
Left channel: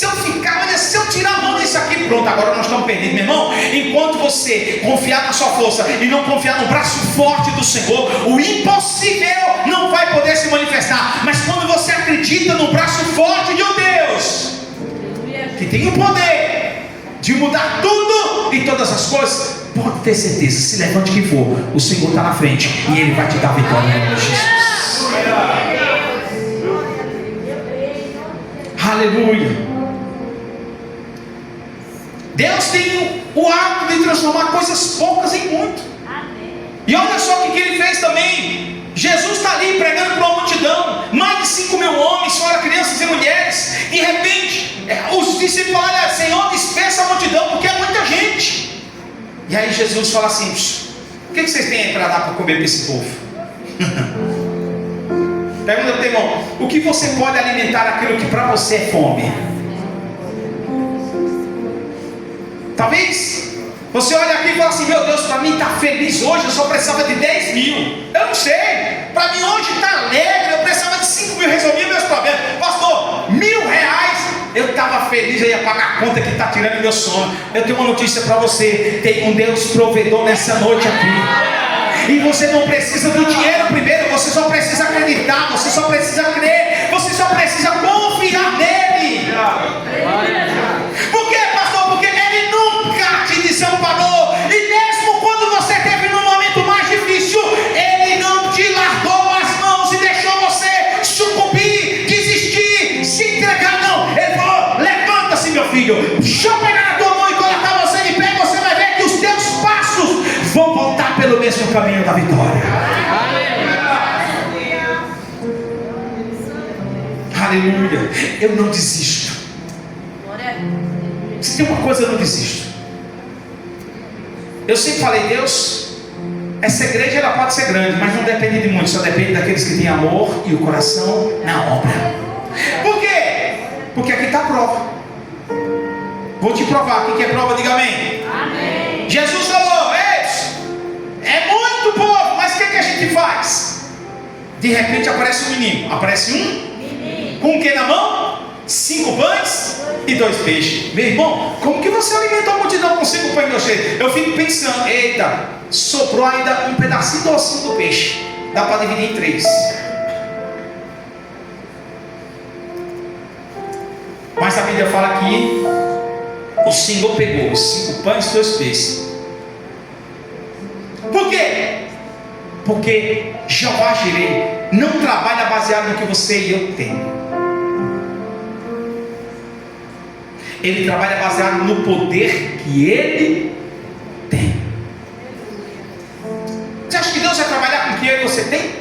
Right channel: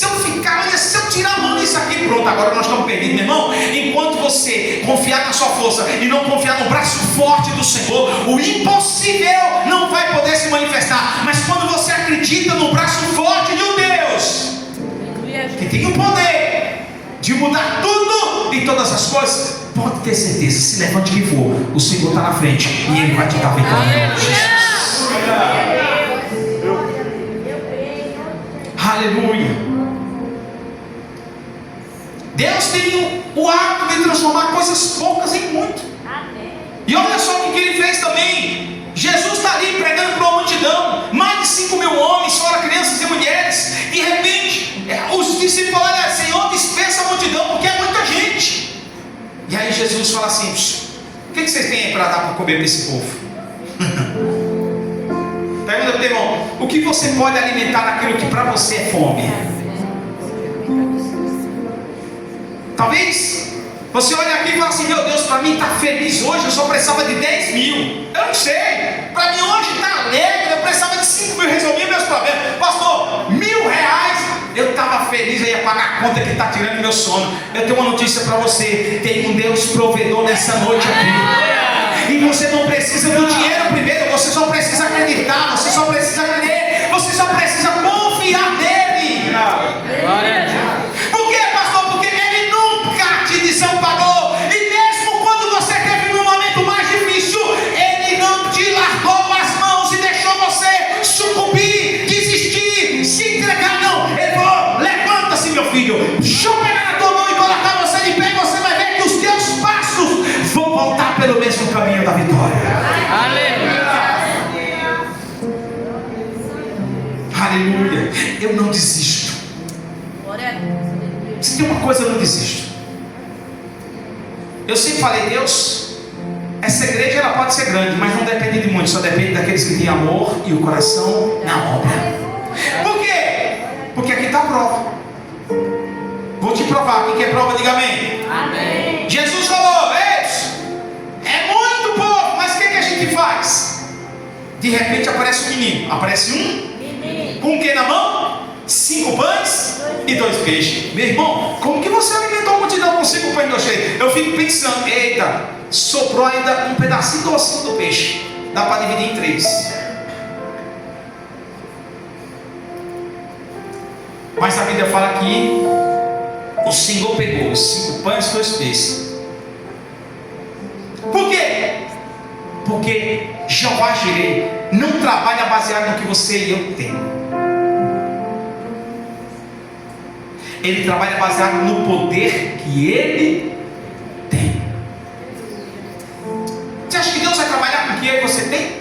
eu ficar, olha, se eu tirar a mão disso aqui, pronto, agora nós estamos perdidos, meu irmão. Enquanto você confiar na sua força e não confiar no braço forte do Senhor, o impossível não vai poder se manifestar. Mas quando você acredita no braço forte de um Deus que tem o poder de mudar tudo e todas as coisas, pode ter certeza, se levante que for, o Senhor está na frente e Ele vai te dar vitória em nome de Jesus. Aleluia. Deus tem o hábito de transformar coisas poucas em muito. E olha só o que Ele fez também. Jesus está ali pregando para uma multidão, mais de 5.000 homens, fora crianças e mulheres. De repente, os discípulos falam: olha, Senhor, dispensa a multidão, porque é muita gente. E aí Jesus fala assim: o que vocês têm aí para dar para comer para esse povo? Pergunta para o irmão: o que você pode alimentar aquilo que para você é fome? Talvez você olha aqui e fala assim: meu Deus, para mim está feliz hoje, eu só precisava de 10 mil. Eu não sei, para mim hoje está alegre, eu precisava de 5 mil, resolvi meus problemas. Pastor, R$1.000, eu estava feliz, eu ia pagar a conta que está tirando meu sono. Eu tenho uma notícia para você: tem um Deus provedor nessa noite aqui. E você não precisa do dinheiro primeiro, você só precisa acreditar, você só precisa crer, você só precisa confiar nele. Por quê, pastor? Porque ele nunca te desamparou. E mesmo quando você teve num momento mais difícil, ele não te largou as mãos e deixou você sucumbir, desistir, se entregar. Não, ele falou: levanta-se, meu filho, deixa eu pegar na tua mão e colocar você em pé. Você vai ver que os teus passos vão voltar pelo mesmo caminho da vitória. Aleluia. Eu não desisto. Se tem uma coisa, eu não desisto. Eu sempre falei: Deus, essa igreja ela pode ser grande, mas não depende de muito, só depende daqueles que têm amor e o coração na obra. Por quê? Porque aqui está a prova. Vou te provar. Quem quer prova, diga amém. Amém. Jesus falou: é muito povo, mas o que a gente faz? De repente aparece um menino. Aparece um com o que na mão? 5 pães e 2 peixes. Meu irmão, como que você alimentou a multidão com 5 pães e 2 peixes? Eu fico pensando: eita, sobrou ainda um pedacinho docinho do peixe. Dá para dividir em 3. Mas a Bíblia fala que o Senhor pegou os 5 pães e 2 peixes. Por quê? Porque Jeová Jireh não trabalha baseado no que você e eu temos. Ele trabalha baseado no poder que ele tem. Você acha que Deus vai trabalhar com o que eu e você tem?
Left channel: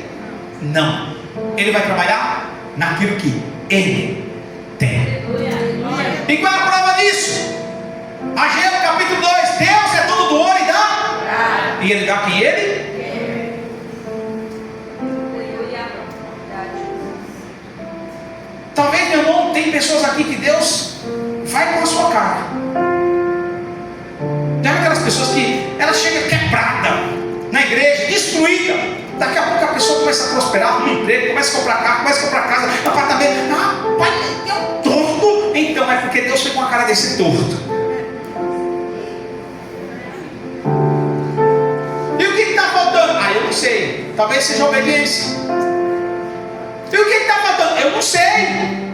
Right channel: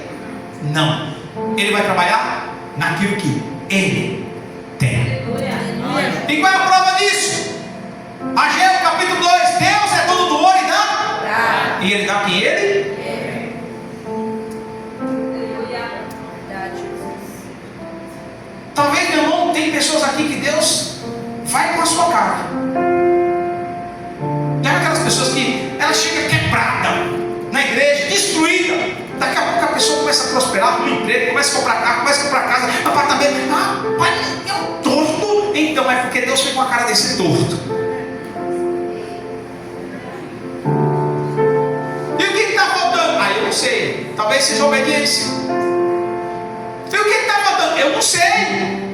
Não. Ele vai trabalhar naquilo que ele tem. E qual é a prova disso? Ageu capítulo 2: Deus é dono do ouro e dá. E ele dá quem ele? Talvez, meu irmão, tem pessoas aqui que Deus vai com a sua cara. Tem aquelas pessoas que ela chega quebrada na igreja, destruída. Daqui a pouco a pessoa começa a prosperar no emprego, começa a comprar carro, começa a comprar casa, apartamento. Ah, pai, é um torto. Então é porque Deus foi com a cara desse torto. E o que está faltando? Ah, eu não sei. Talvez seja obediência. E o que está faltando? Eu não sei.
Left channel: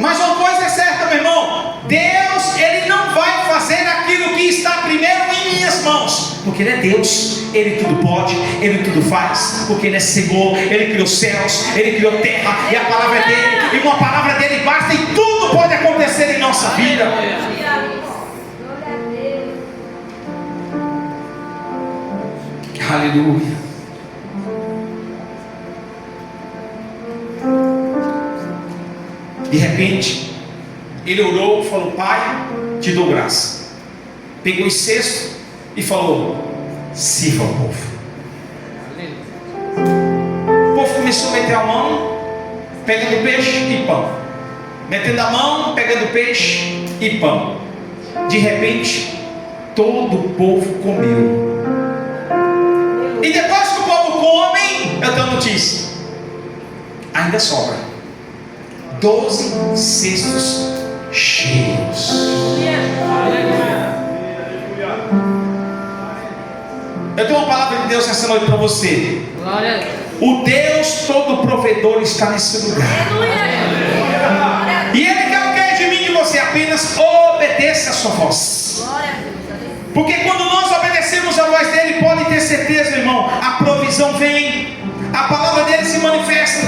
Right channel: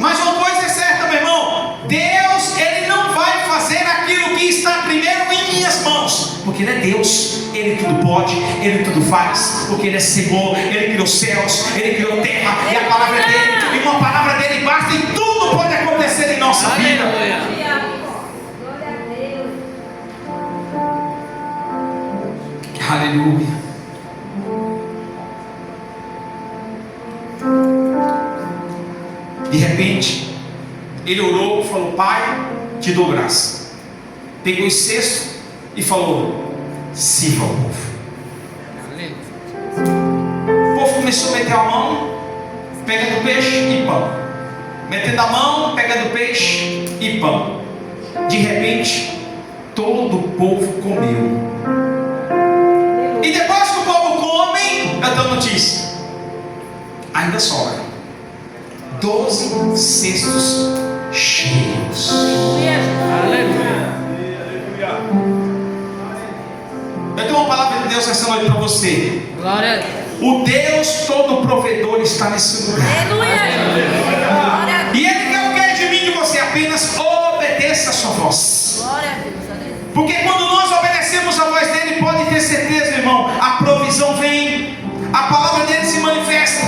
Mas uma coisa é certa, meu irmão: Deus, ele não vai fazer aquilo que está primeiro em minhas mãos, porque ele é Deus, ele tudo pode, ele tudo faz, porque ele é Senhor, ele criou céus, ele criou terra, e a palavra é dele, e uma palavra dele basta, e tudo pode acontecer em nossa vida. Aleluia. De repente, ele orou, falou: Pai, te dou graça. Pegou os cestos e falou: sirva ao povo. O povo começou a meter a mão, pegando peixe e pão. Metendo a mão, pegando peixe e pão. De repente, todo o povo comeu. E depois que o povo come, eu dou notícia: ainda sobra 12 cestos cheios. Eu tenho uma palavra de Deus essa noite para você. O Deus todo provedor está nesse lugar. E Ele quer o que de mim e de você? Apenas obedeça a sua voz. Porque quando nós obedecemos a voz dele, pode ter certeza, irmão, a provisão vem, a palavra dele se manifesta.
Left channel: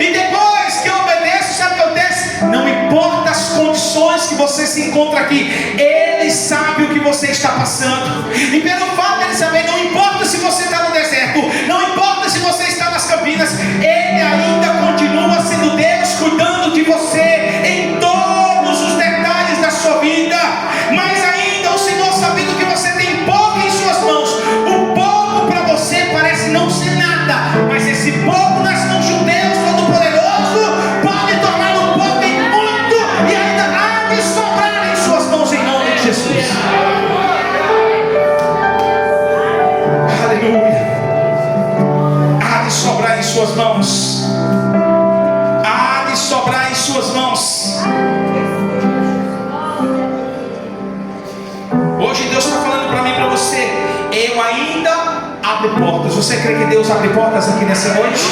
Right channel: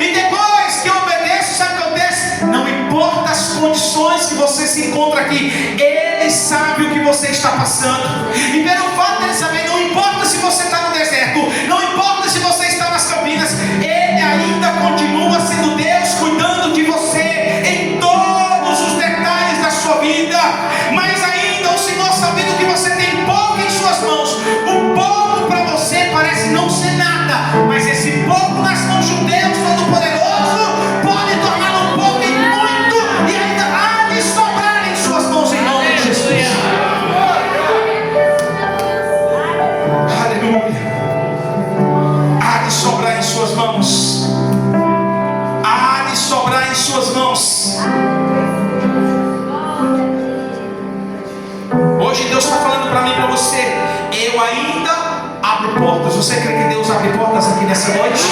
E depois que eu obedeço, sabe o que acontece? Não importa as condições que você se encontra aqui, ele sabe o que você está passando. E pelo fato dele saber, não importa se você está no deserto, não importa se você está nas campinas, ele ainda continua sendo Deus, cuidando de você em todos os detalhes da sua vida. Mas ainda o Senhor, sabendo que você tem pouco em suas mãos, o pouco para você parece não ser nada, mas esse pouco nas mãos de Deus Todo-Poderoso pode tornar um pouco em muito, e ainda há de sobrar em suas mãos, em nome de Jesus. Aleluia. Há de sobrar em suas mãos. Há de sobrar em suas mãos. Hoje Deus está falando para mim e para você: eu ainda abre portas. Você crê que Deus abre portas aqui nessa noite?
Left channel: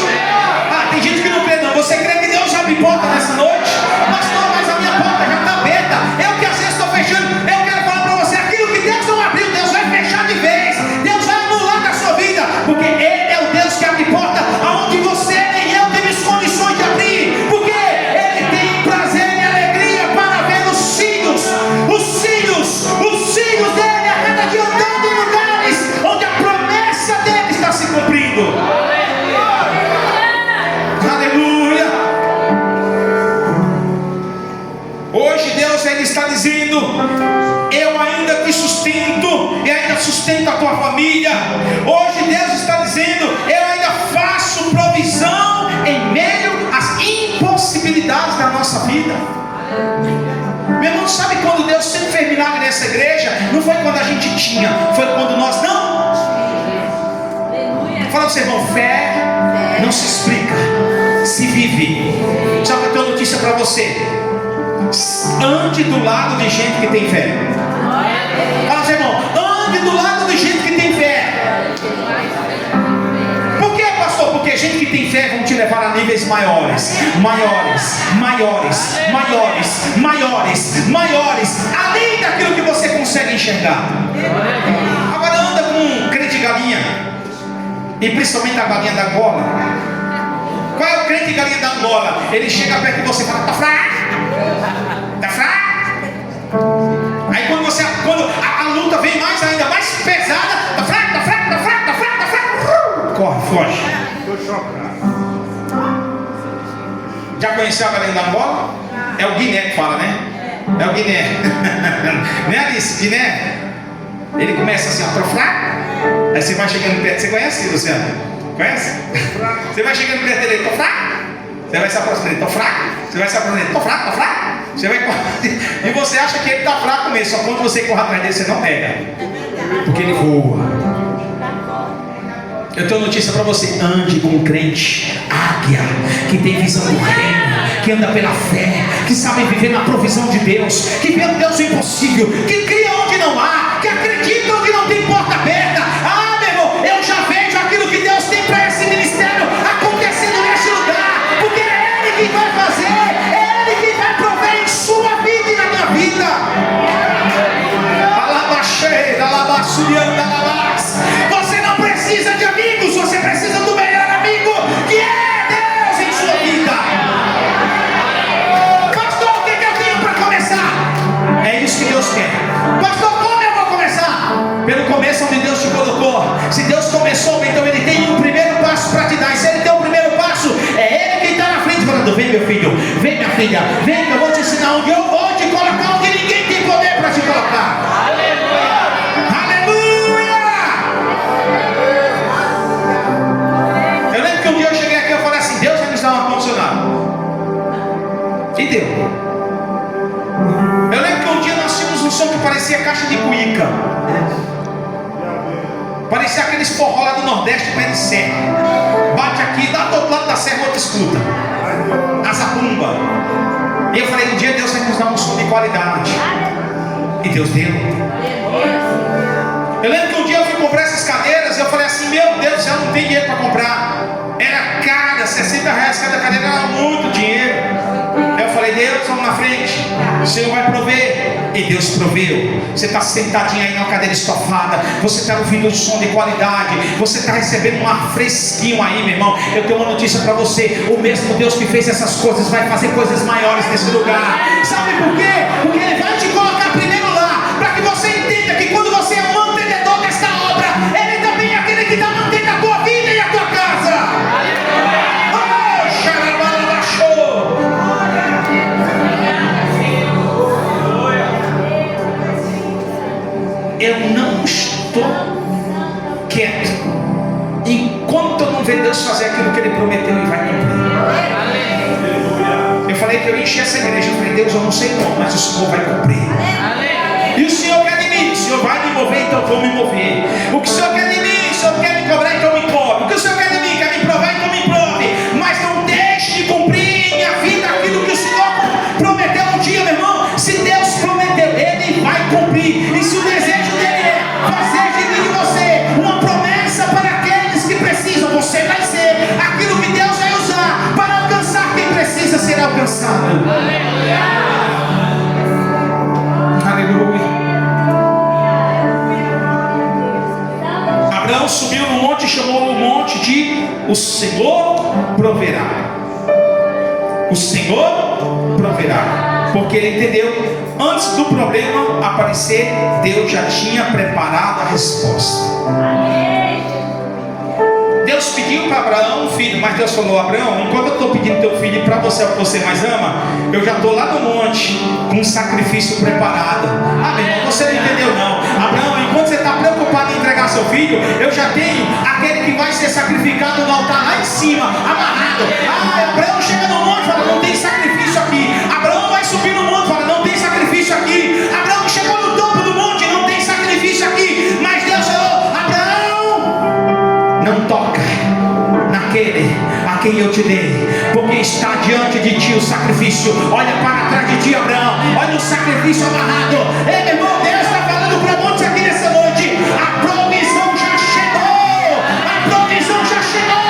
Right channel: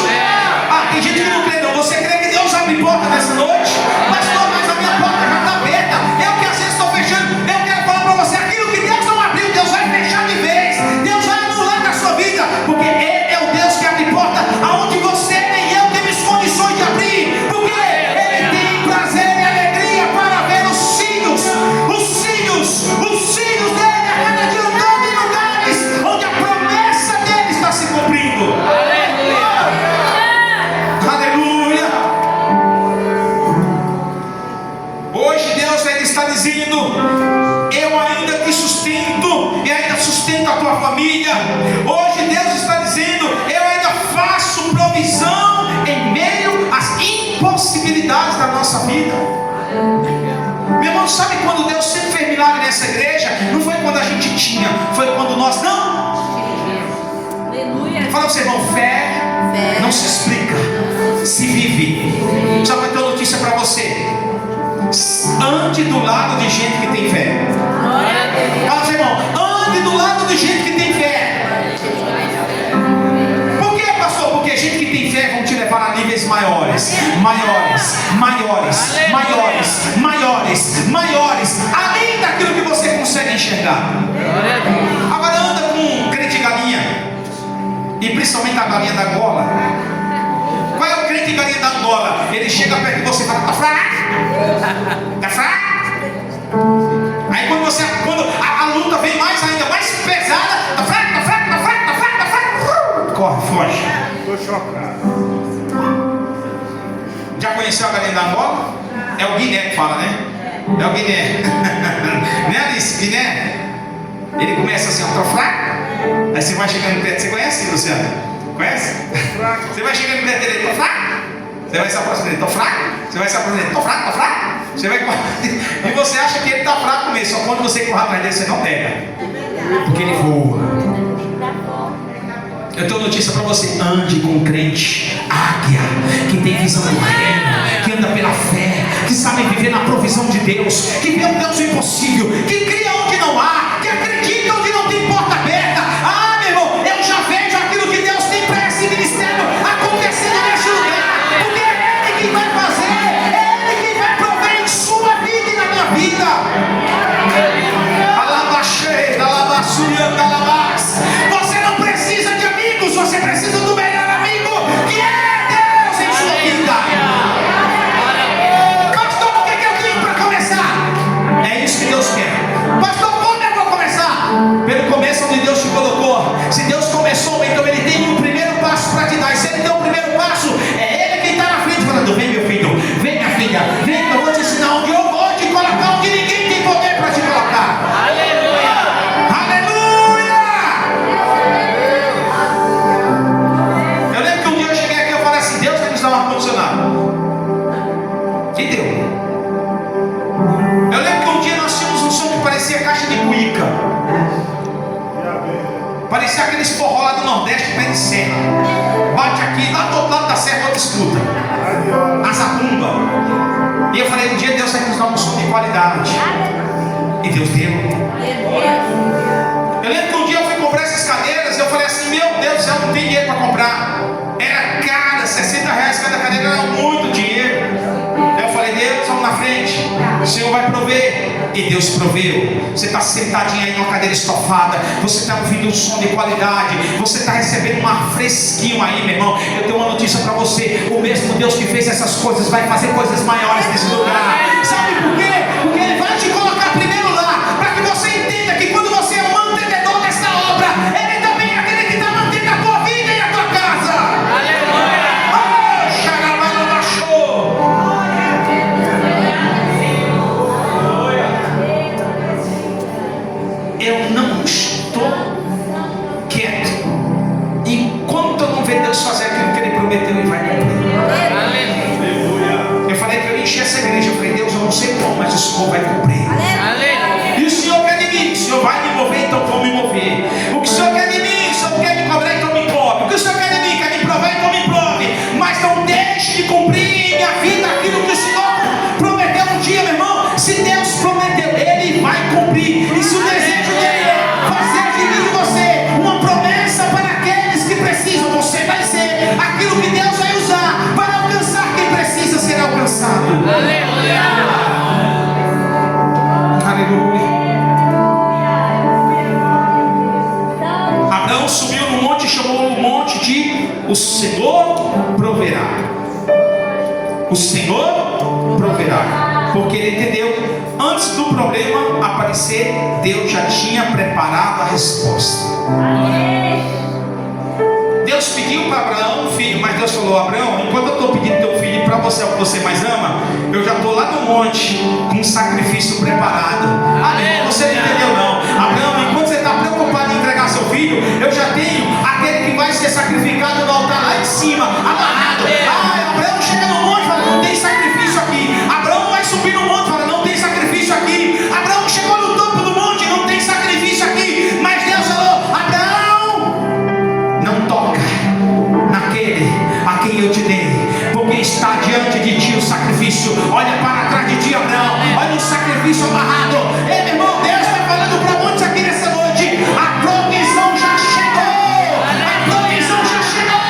Ah, tem gente que não crê não. Você crê que Deus abre portas nessa noite? Pastor, mas a minha porta já está aberta. Eu que às vezes estou fechando. Eu quero falar para você, aquilo que Deus não abriu, Deus vai fechar de vez. Deus vai anular da sua vida, porque Ele é o Deus que abre porta aonde você nem eu temos condições de abrir, porque Ele tem prazer e alegria para ver os filhos dele a cada dia andando em lugares onde a promessa dele está se cumprindo. Aleluia. Hoje Deus ele está dizendo: eu ainda te sustento e ainda sustento a tua família. Hoje Deus está dizendo: eu ainda faço provisão em meio às impossibilidades da nossa vida. Meu irmão, sabe quando Deus sempre fez milagre nessa igreja? Não foi quando a gente tinha, foi quando nós não. Fala para você, irmão, fé não se explica, se vive. Só que eu tenho uma notícia para você: ande do lado de gente que tem fé. Fala, seu irmão, ande do lado de gente que tem fé. Por que, pastor? Porque gente que tem fé vão te levar a níveis maiores, além daquilo que você consegue enxergar. Agora anda com um crente galinha, e principalmente a galinha da gola. Qual é o crente galinha da gola? Ele chega perto de você e fala: tá fraco? Tá fraco? Aí quando a luta vem mais ainda mais pesada, tá fraco? Corre, foge. Já conheceu a galinha da gola? É o Guiné que fala, né? É o Guiné. Não é Alice? Guiné? Ele começa assim, ó, tô fraco. Aí você vai chegando perto. Você conhece, Luciano? Conhece? Você vai chegando perto dele, tô fraco. Você vai se aproximando dele, tô fraco. Você vai se aproximando dele, tô fraco. Você vai e você acha que ele tá fraco mesmo. Só quando você corre atrás dele, você não pega, porque ele voa. Eu tenho notícia para você: ande com um crente águia, que tem visão do reino, que anda pela fé, que sabe viver na provisão de Deus, que vê um Deus impossível, que cria onde não há, que acredita onde não tem porta aberta. Ah, meu irmão, eu já vejo aquilo que Deus tem para esse ministério acontecendo neste lugar, porque é Ele que vai fazer, é Ele que vai prover em sua vida e na minha vida. Você não precisa de amigos, você precisa do melhor amigo, que é Deus em sua vida. Pastor, o que eu tenho para começar? É isso que Deus quer. Pastor, como eu vou começar? Pelo começo onde Deus te colocou. Se Deus começou, então Ele tem um primeiro passo para te dar. E se Ele tem um primeiro passo, é Ele quem está na frente falando: vem, meu filho, vem, minha filha, vem, eu vou te ensinar onde eu vou te colocar, onde ninguém tem poder para te colocar. E deu. Eu lembro que um dia nós tínhamos um som que parecia caixa de cuíca. Parecia aqueles forró lá do Nordeste, pé de serra. Bate aqui, lá do outro lado da serra, outro escuta. A zabumba. E eu falei: um dia Deus vai nos dar um som de qualidade. E Deus deu. Eu lembro que um dia eu fui comprar essas cadeiras. Eu falei assim: meu Deus do céu, não tem dinheiro para comprar. Era cara, R$60 cada cadeira, era muito dinheiro. Eu falei: Deus, vamos na frente, o Senhor vai prover. E Deus proveu. Você está sentadinho aí numa cadeira estofada, você está ouvindo um som de qualidade, você está recebendo um ar fresquinho aí, meu irmão. Eu tenho uma notícia para você: o mesmo Deus que fez essas coisas vai fazer coisas maiores nesse lugar. Sabe por quê? Porque Ele vai te colocar primeiro lá, para que você entenda que quando você é o mantenedor desta obra, Ele também é aquele que está mantendo a tua vida e a tua casa. Eu não estou quieto enquanto eu não ver Deus fazer aquilo que Ele prometeu. Ele vai cumprir. Eu falei que eu enchi essa igreja. Eu falei: Deus, eu não sei como, mas o Senhor vai cumprir. E o Senhor quer de mim? O Senhor vai me mover, então eu vou me mover. O que o Senhor quer de mim? O Senhor quer me cobrar, então me cobre. O que o Senhor quer de mim? Quer me provar, então me prove. Mas não deixe de cumprir em minha vida aquilo que o Senhor prometeu um dia, meu irmão. Se Deus prometeu, Ele vai cumprir. E se o desejo dele é fazer de mim e você uma promessa para Aleluia. Abraão subiu no monte e chamou o monte de o Senhor proverá. O Senhor proverá. Porque ele entendeu, antes do problema aparecer, Deus já tinha preparado a resposta. Deus pediu para Abraão um filho, mas Deus falou: Abraão, enquanto eu estou pedindo teu filho para você, o que você mais ama, eu já estou lá no monte com um sacrifício preparado. Amém? Você não entendeu não? Abraão, enquanto você está preocupado em entregar seu filho, eu já tenho aquele que vai ser sacrificado no altar lá em cima, amarrado. Abraão chega no monte e fala: não tem sacrifício aqui. Abraão vai subir no monte e fala: não tem sacrifício aqui. Abraão chegou no topo do monte, não tem sacrifício aqui. Mas Deus falou: Abraão, não toca naquele a quem eu te dei, porque está diante de ti o sacrifício. Olha para trás de ti, Abraão, olha o sacrifício amarrado. Ei, meu irmão, Deus está falando para muitos aqui nessa noite: a provisão já chegou, a provisão já chegou.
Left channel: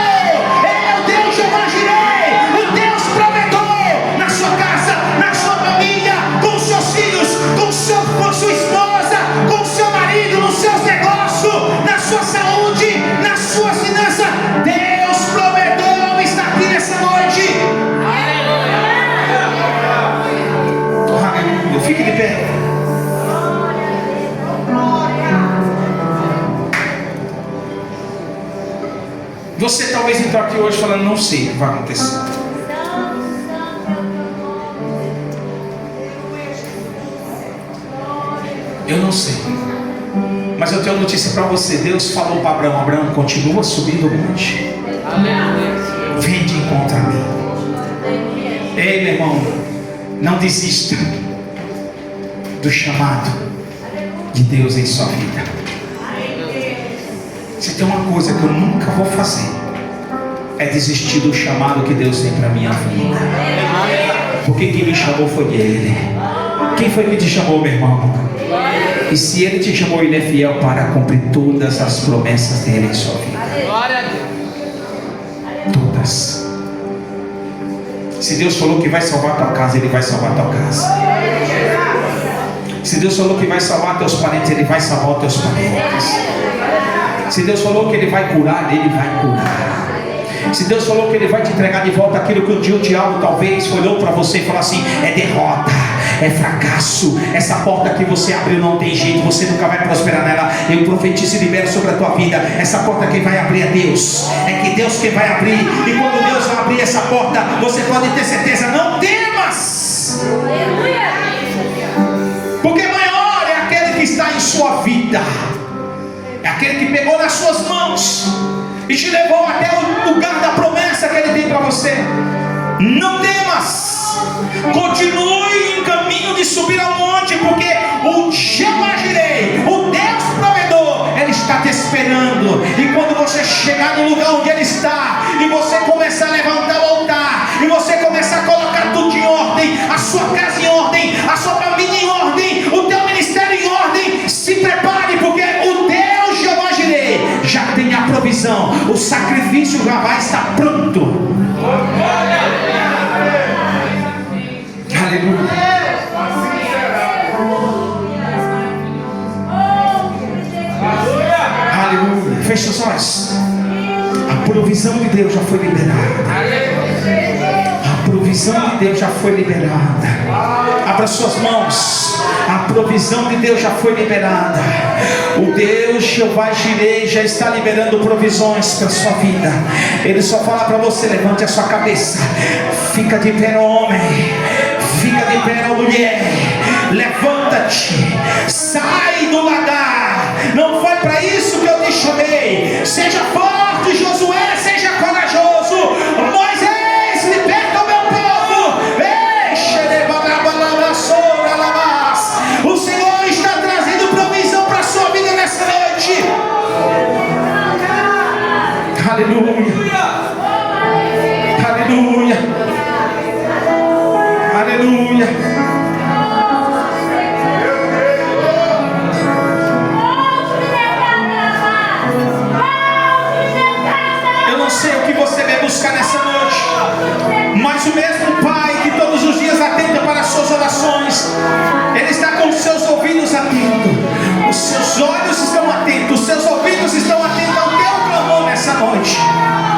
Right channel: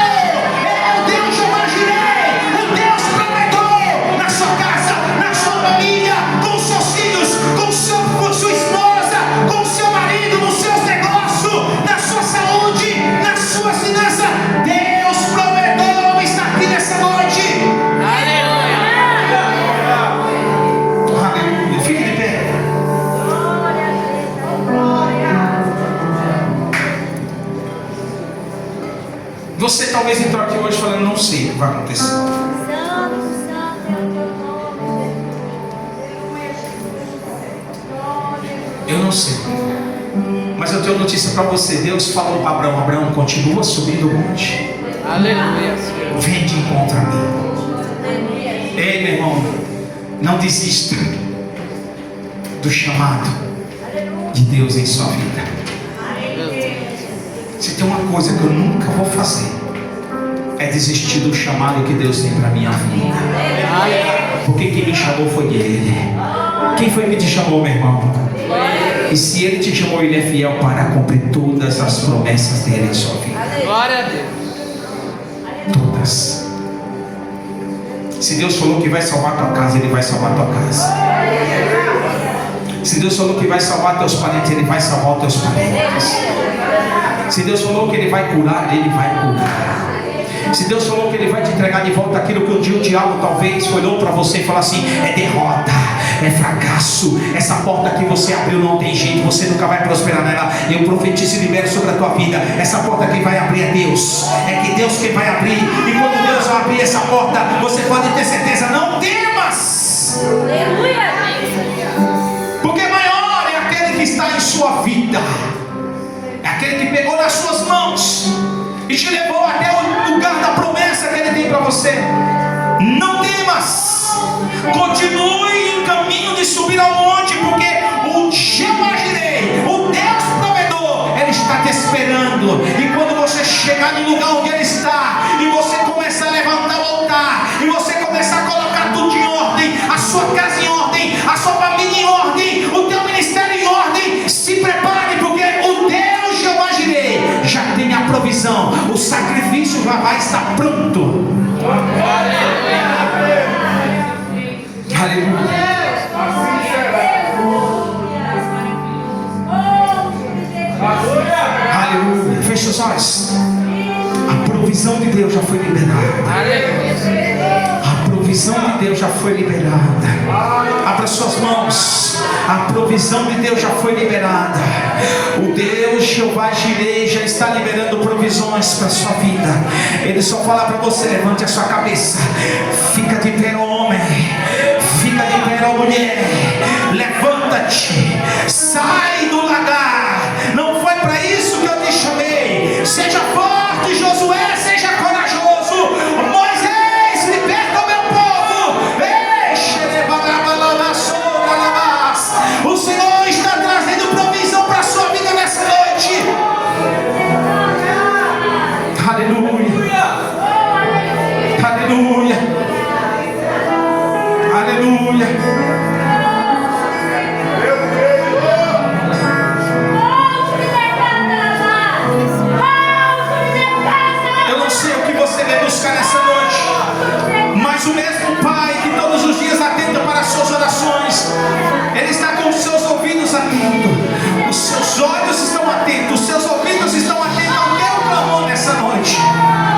É o Deus Jeová Jireh, o Deus provedor na sua casa, na sua família, com seus filhos, com sua esposa, com seu marido, nos seus negócios, na sua saúde, nas suas finanças. Deus provedor está aqui nessa noite. Aleluia. Fique de pé. Você talvez entrou aqui hoje falando: não sei o que vai acontecer. Eu não sei, mas eu tenho notícia para você. Deus falou para Abraão: Abraão, continua subindo o monte. Vem de encontro a mim. Ei, meu irmão, não desista do chamado de Deus em sua vida. Se tem uma coisa que eu nunca vou fazer, é desistir do chamado que Deus tem para minha vida. Porque quem me chamou foi Ele. Quem foi que te chamou, meu irmão? E se Ele te chamou, Ele é fiel para cumprir todas as promessas dele em sua vida. Todas. Se Deus falou que vai salvar a tua casa, Ele vai salvar a tua casa. Se Deus falou que vai salvar teus parentes, Ele vai salvar teus parentes. Se Deus falou que Ele vai curar, Ele vai curar. Se Deus falou que Ele vai te entregar de volta aquilo que um dia o diabo talvez olhou para você e falou assim: é derrota, é fracasso, essa porta que você abriu não tem jeito, você nunca vai prosperar nela. Eu profetizo e libero sobre a tua vida: essa porta quem vai abrir é Deus. É que Deus quem vai abrir. E quando Deus vai abrir essa porta, você pode ter certeza: não temas, porque maior é aquele que está em sua vida, é aquele que pegou nas suas mãos e te levou até o lugar da promessa que Ele tem para você. Não temas, continue em caminho de subir ao monte, porque o Jeová Jireh, o Deus provedor, Ele está te esperando. E quando você chegar no lugar onde Ele está, e você começar a levantar o altar, e você começar a colocar tudo em ordem, a sua casa em ordem, a sua família em ordem, o teu ministério em ordem, se prepare, porque o Deus Jeová Jireh já tem a provisão. O sacrifício já vai estar pronto. Aleluia. Aleluia. Feche os olhos. A provisão de Deus já foi liberada. A provisão de Deus já foi liberada. Abra suas mãos. A provisão de Deus já foi liberada. O Deus Jeová Jireh já está liberando provisões para a sua vida. Ele só fala para você: levante a sua cabeça. Fica de pé, homem. Fica de pé, mulher. Levanta-te. Sai do lagar. Não foi para isso que eu te chamei. Seja forte, Josué. Seja corajoso. Moisés, liberta o meu povo. O Senhor está trazendo provisão para a sua vida nessa noite. Aleluia. Aleluia. Aleluia. Eu não sei o que você vai buscar nessa noite, mas o mesmo Pai que todos os dias voz. Ele está com os seus ouvidos atentos. Os seus olhos estão atentos. Os seus ouvidos estão atentos ao teu clamor nessa noite.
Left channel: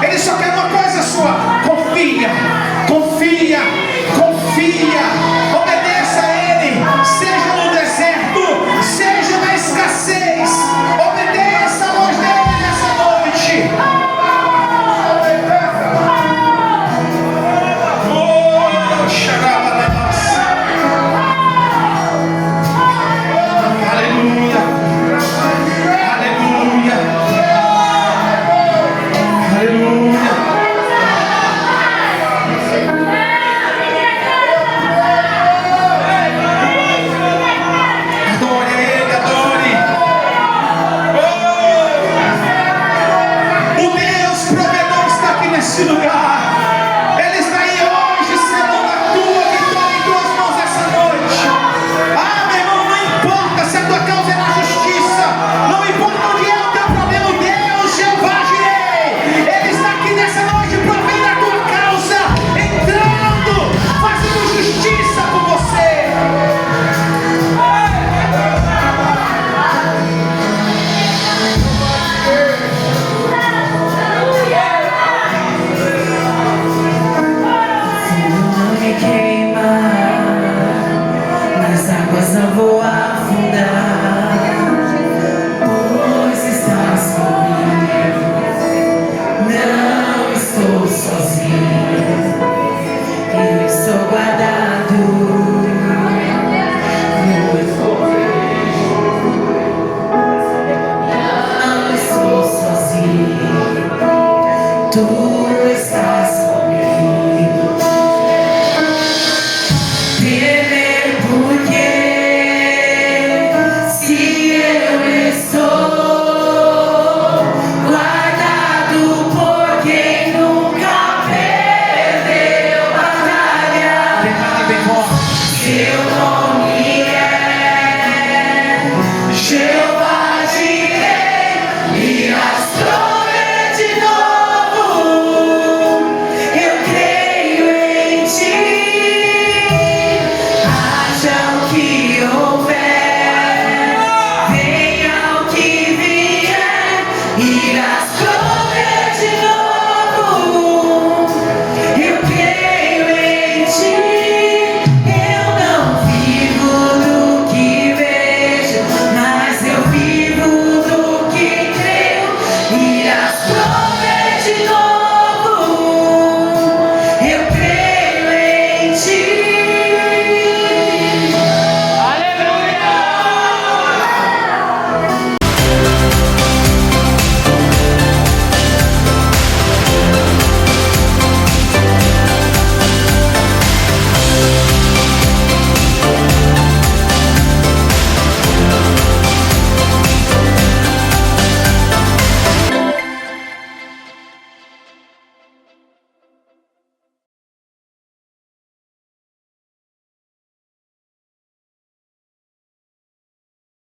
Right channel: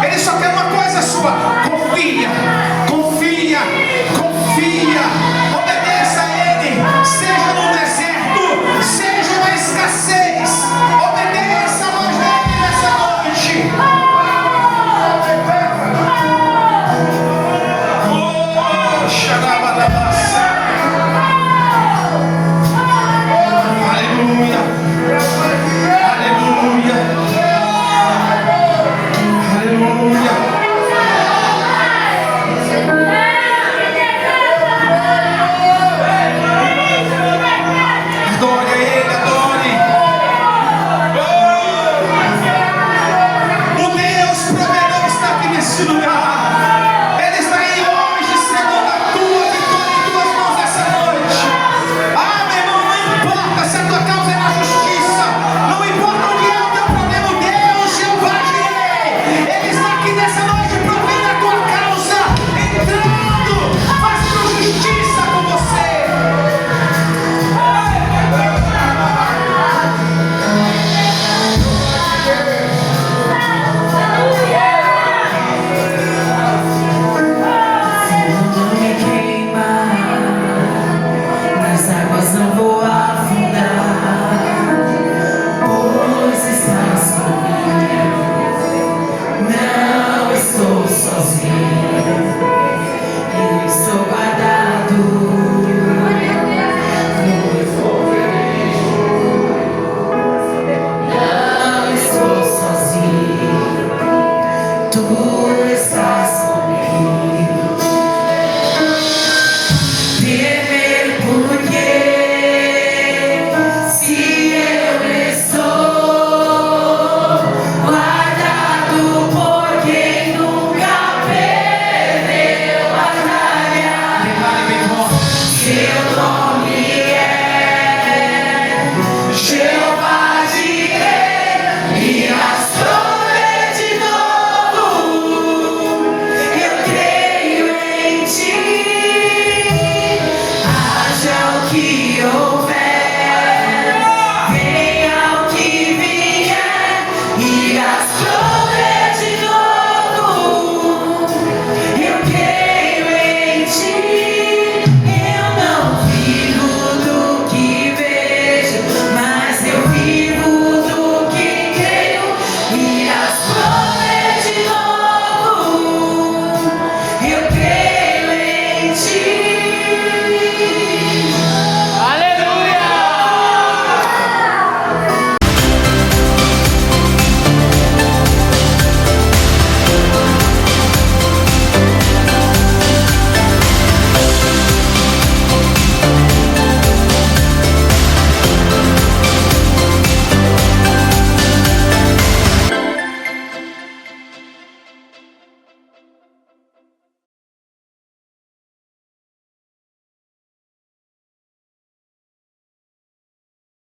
Ele só quer uma coisa sua. Confia, confia, confia. Obedeça a Ele. Seja no deserto, seja na escassez. Obedeça a voz dele nessa noite. Oh, xarabalabas. Aleluia. Aleluia. Aleluia. Adore Ele, adore. Oh! O Deus provedor está aqui nesse lugar. Ele está aí hoje, selando a tua vitória em tuas mãos nessa noite. Ah, meu irmão, não importa se a tua causa é na justiça, não importa onde é o teu problema, Deus, Jeová Jireh, Ele está aqui nessa noite para ver a tua causa, entrando, fazendo justiça com você. Não me queimar, nas águas não vou afundar, pois estás comigo. Não estou sozinho, estou guardado no poder. Não estou sozinho, tu estás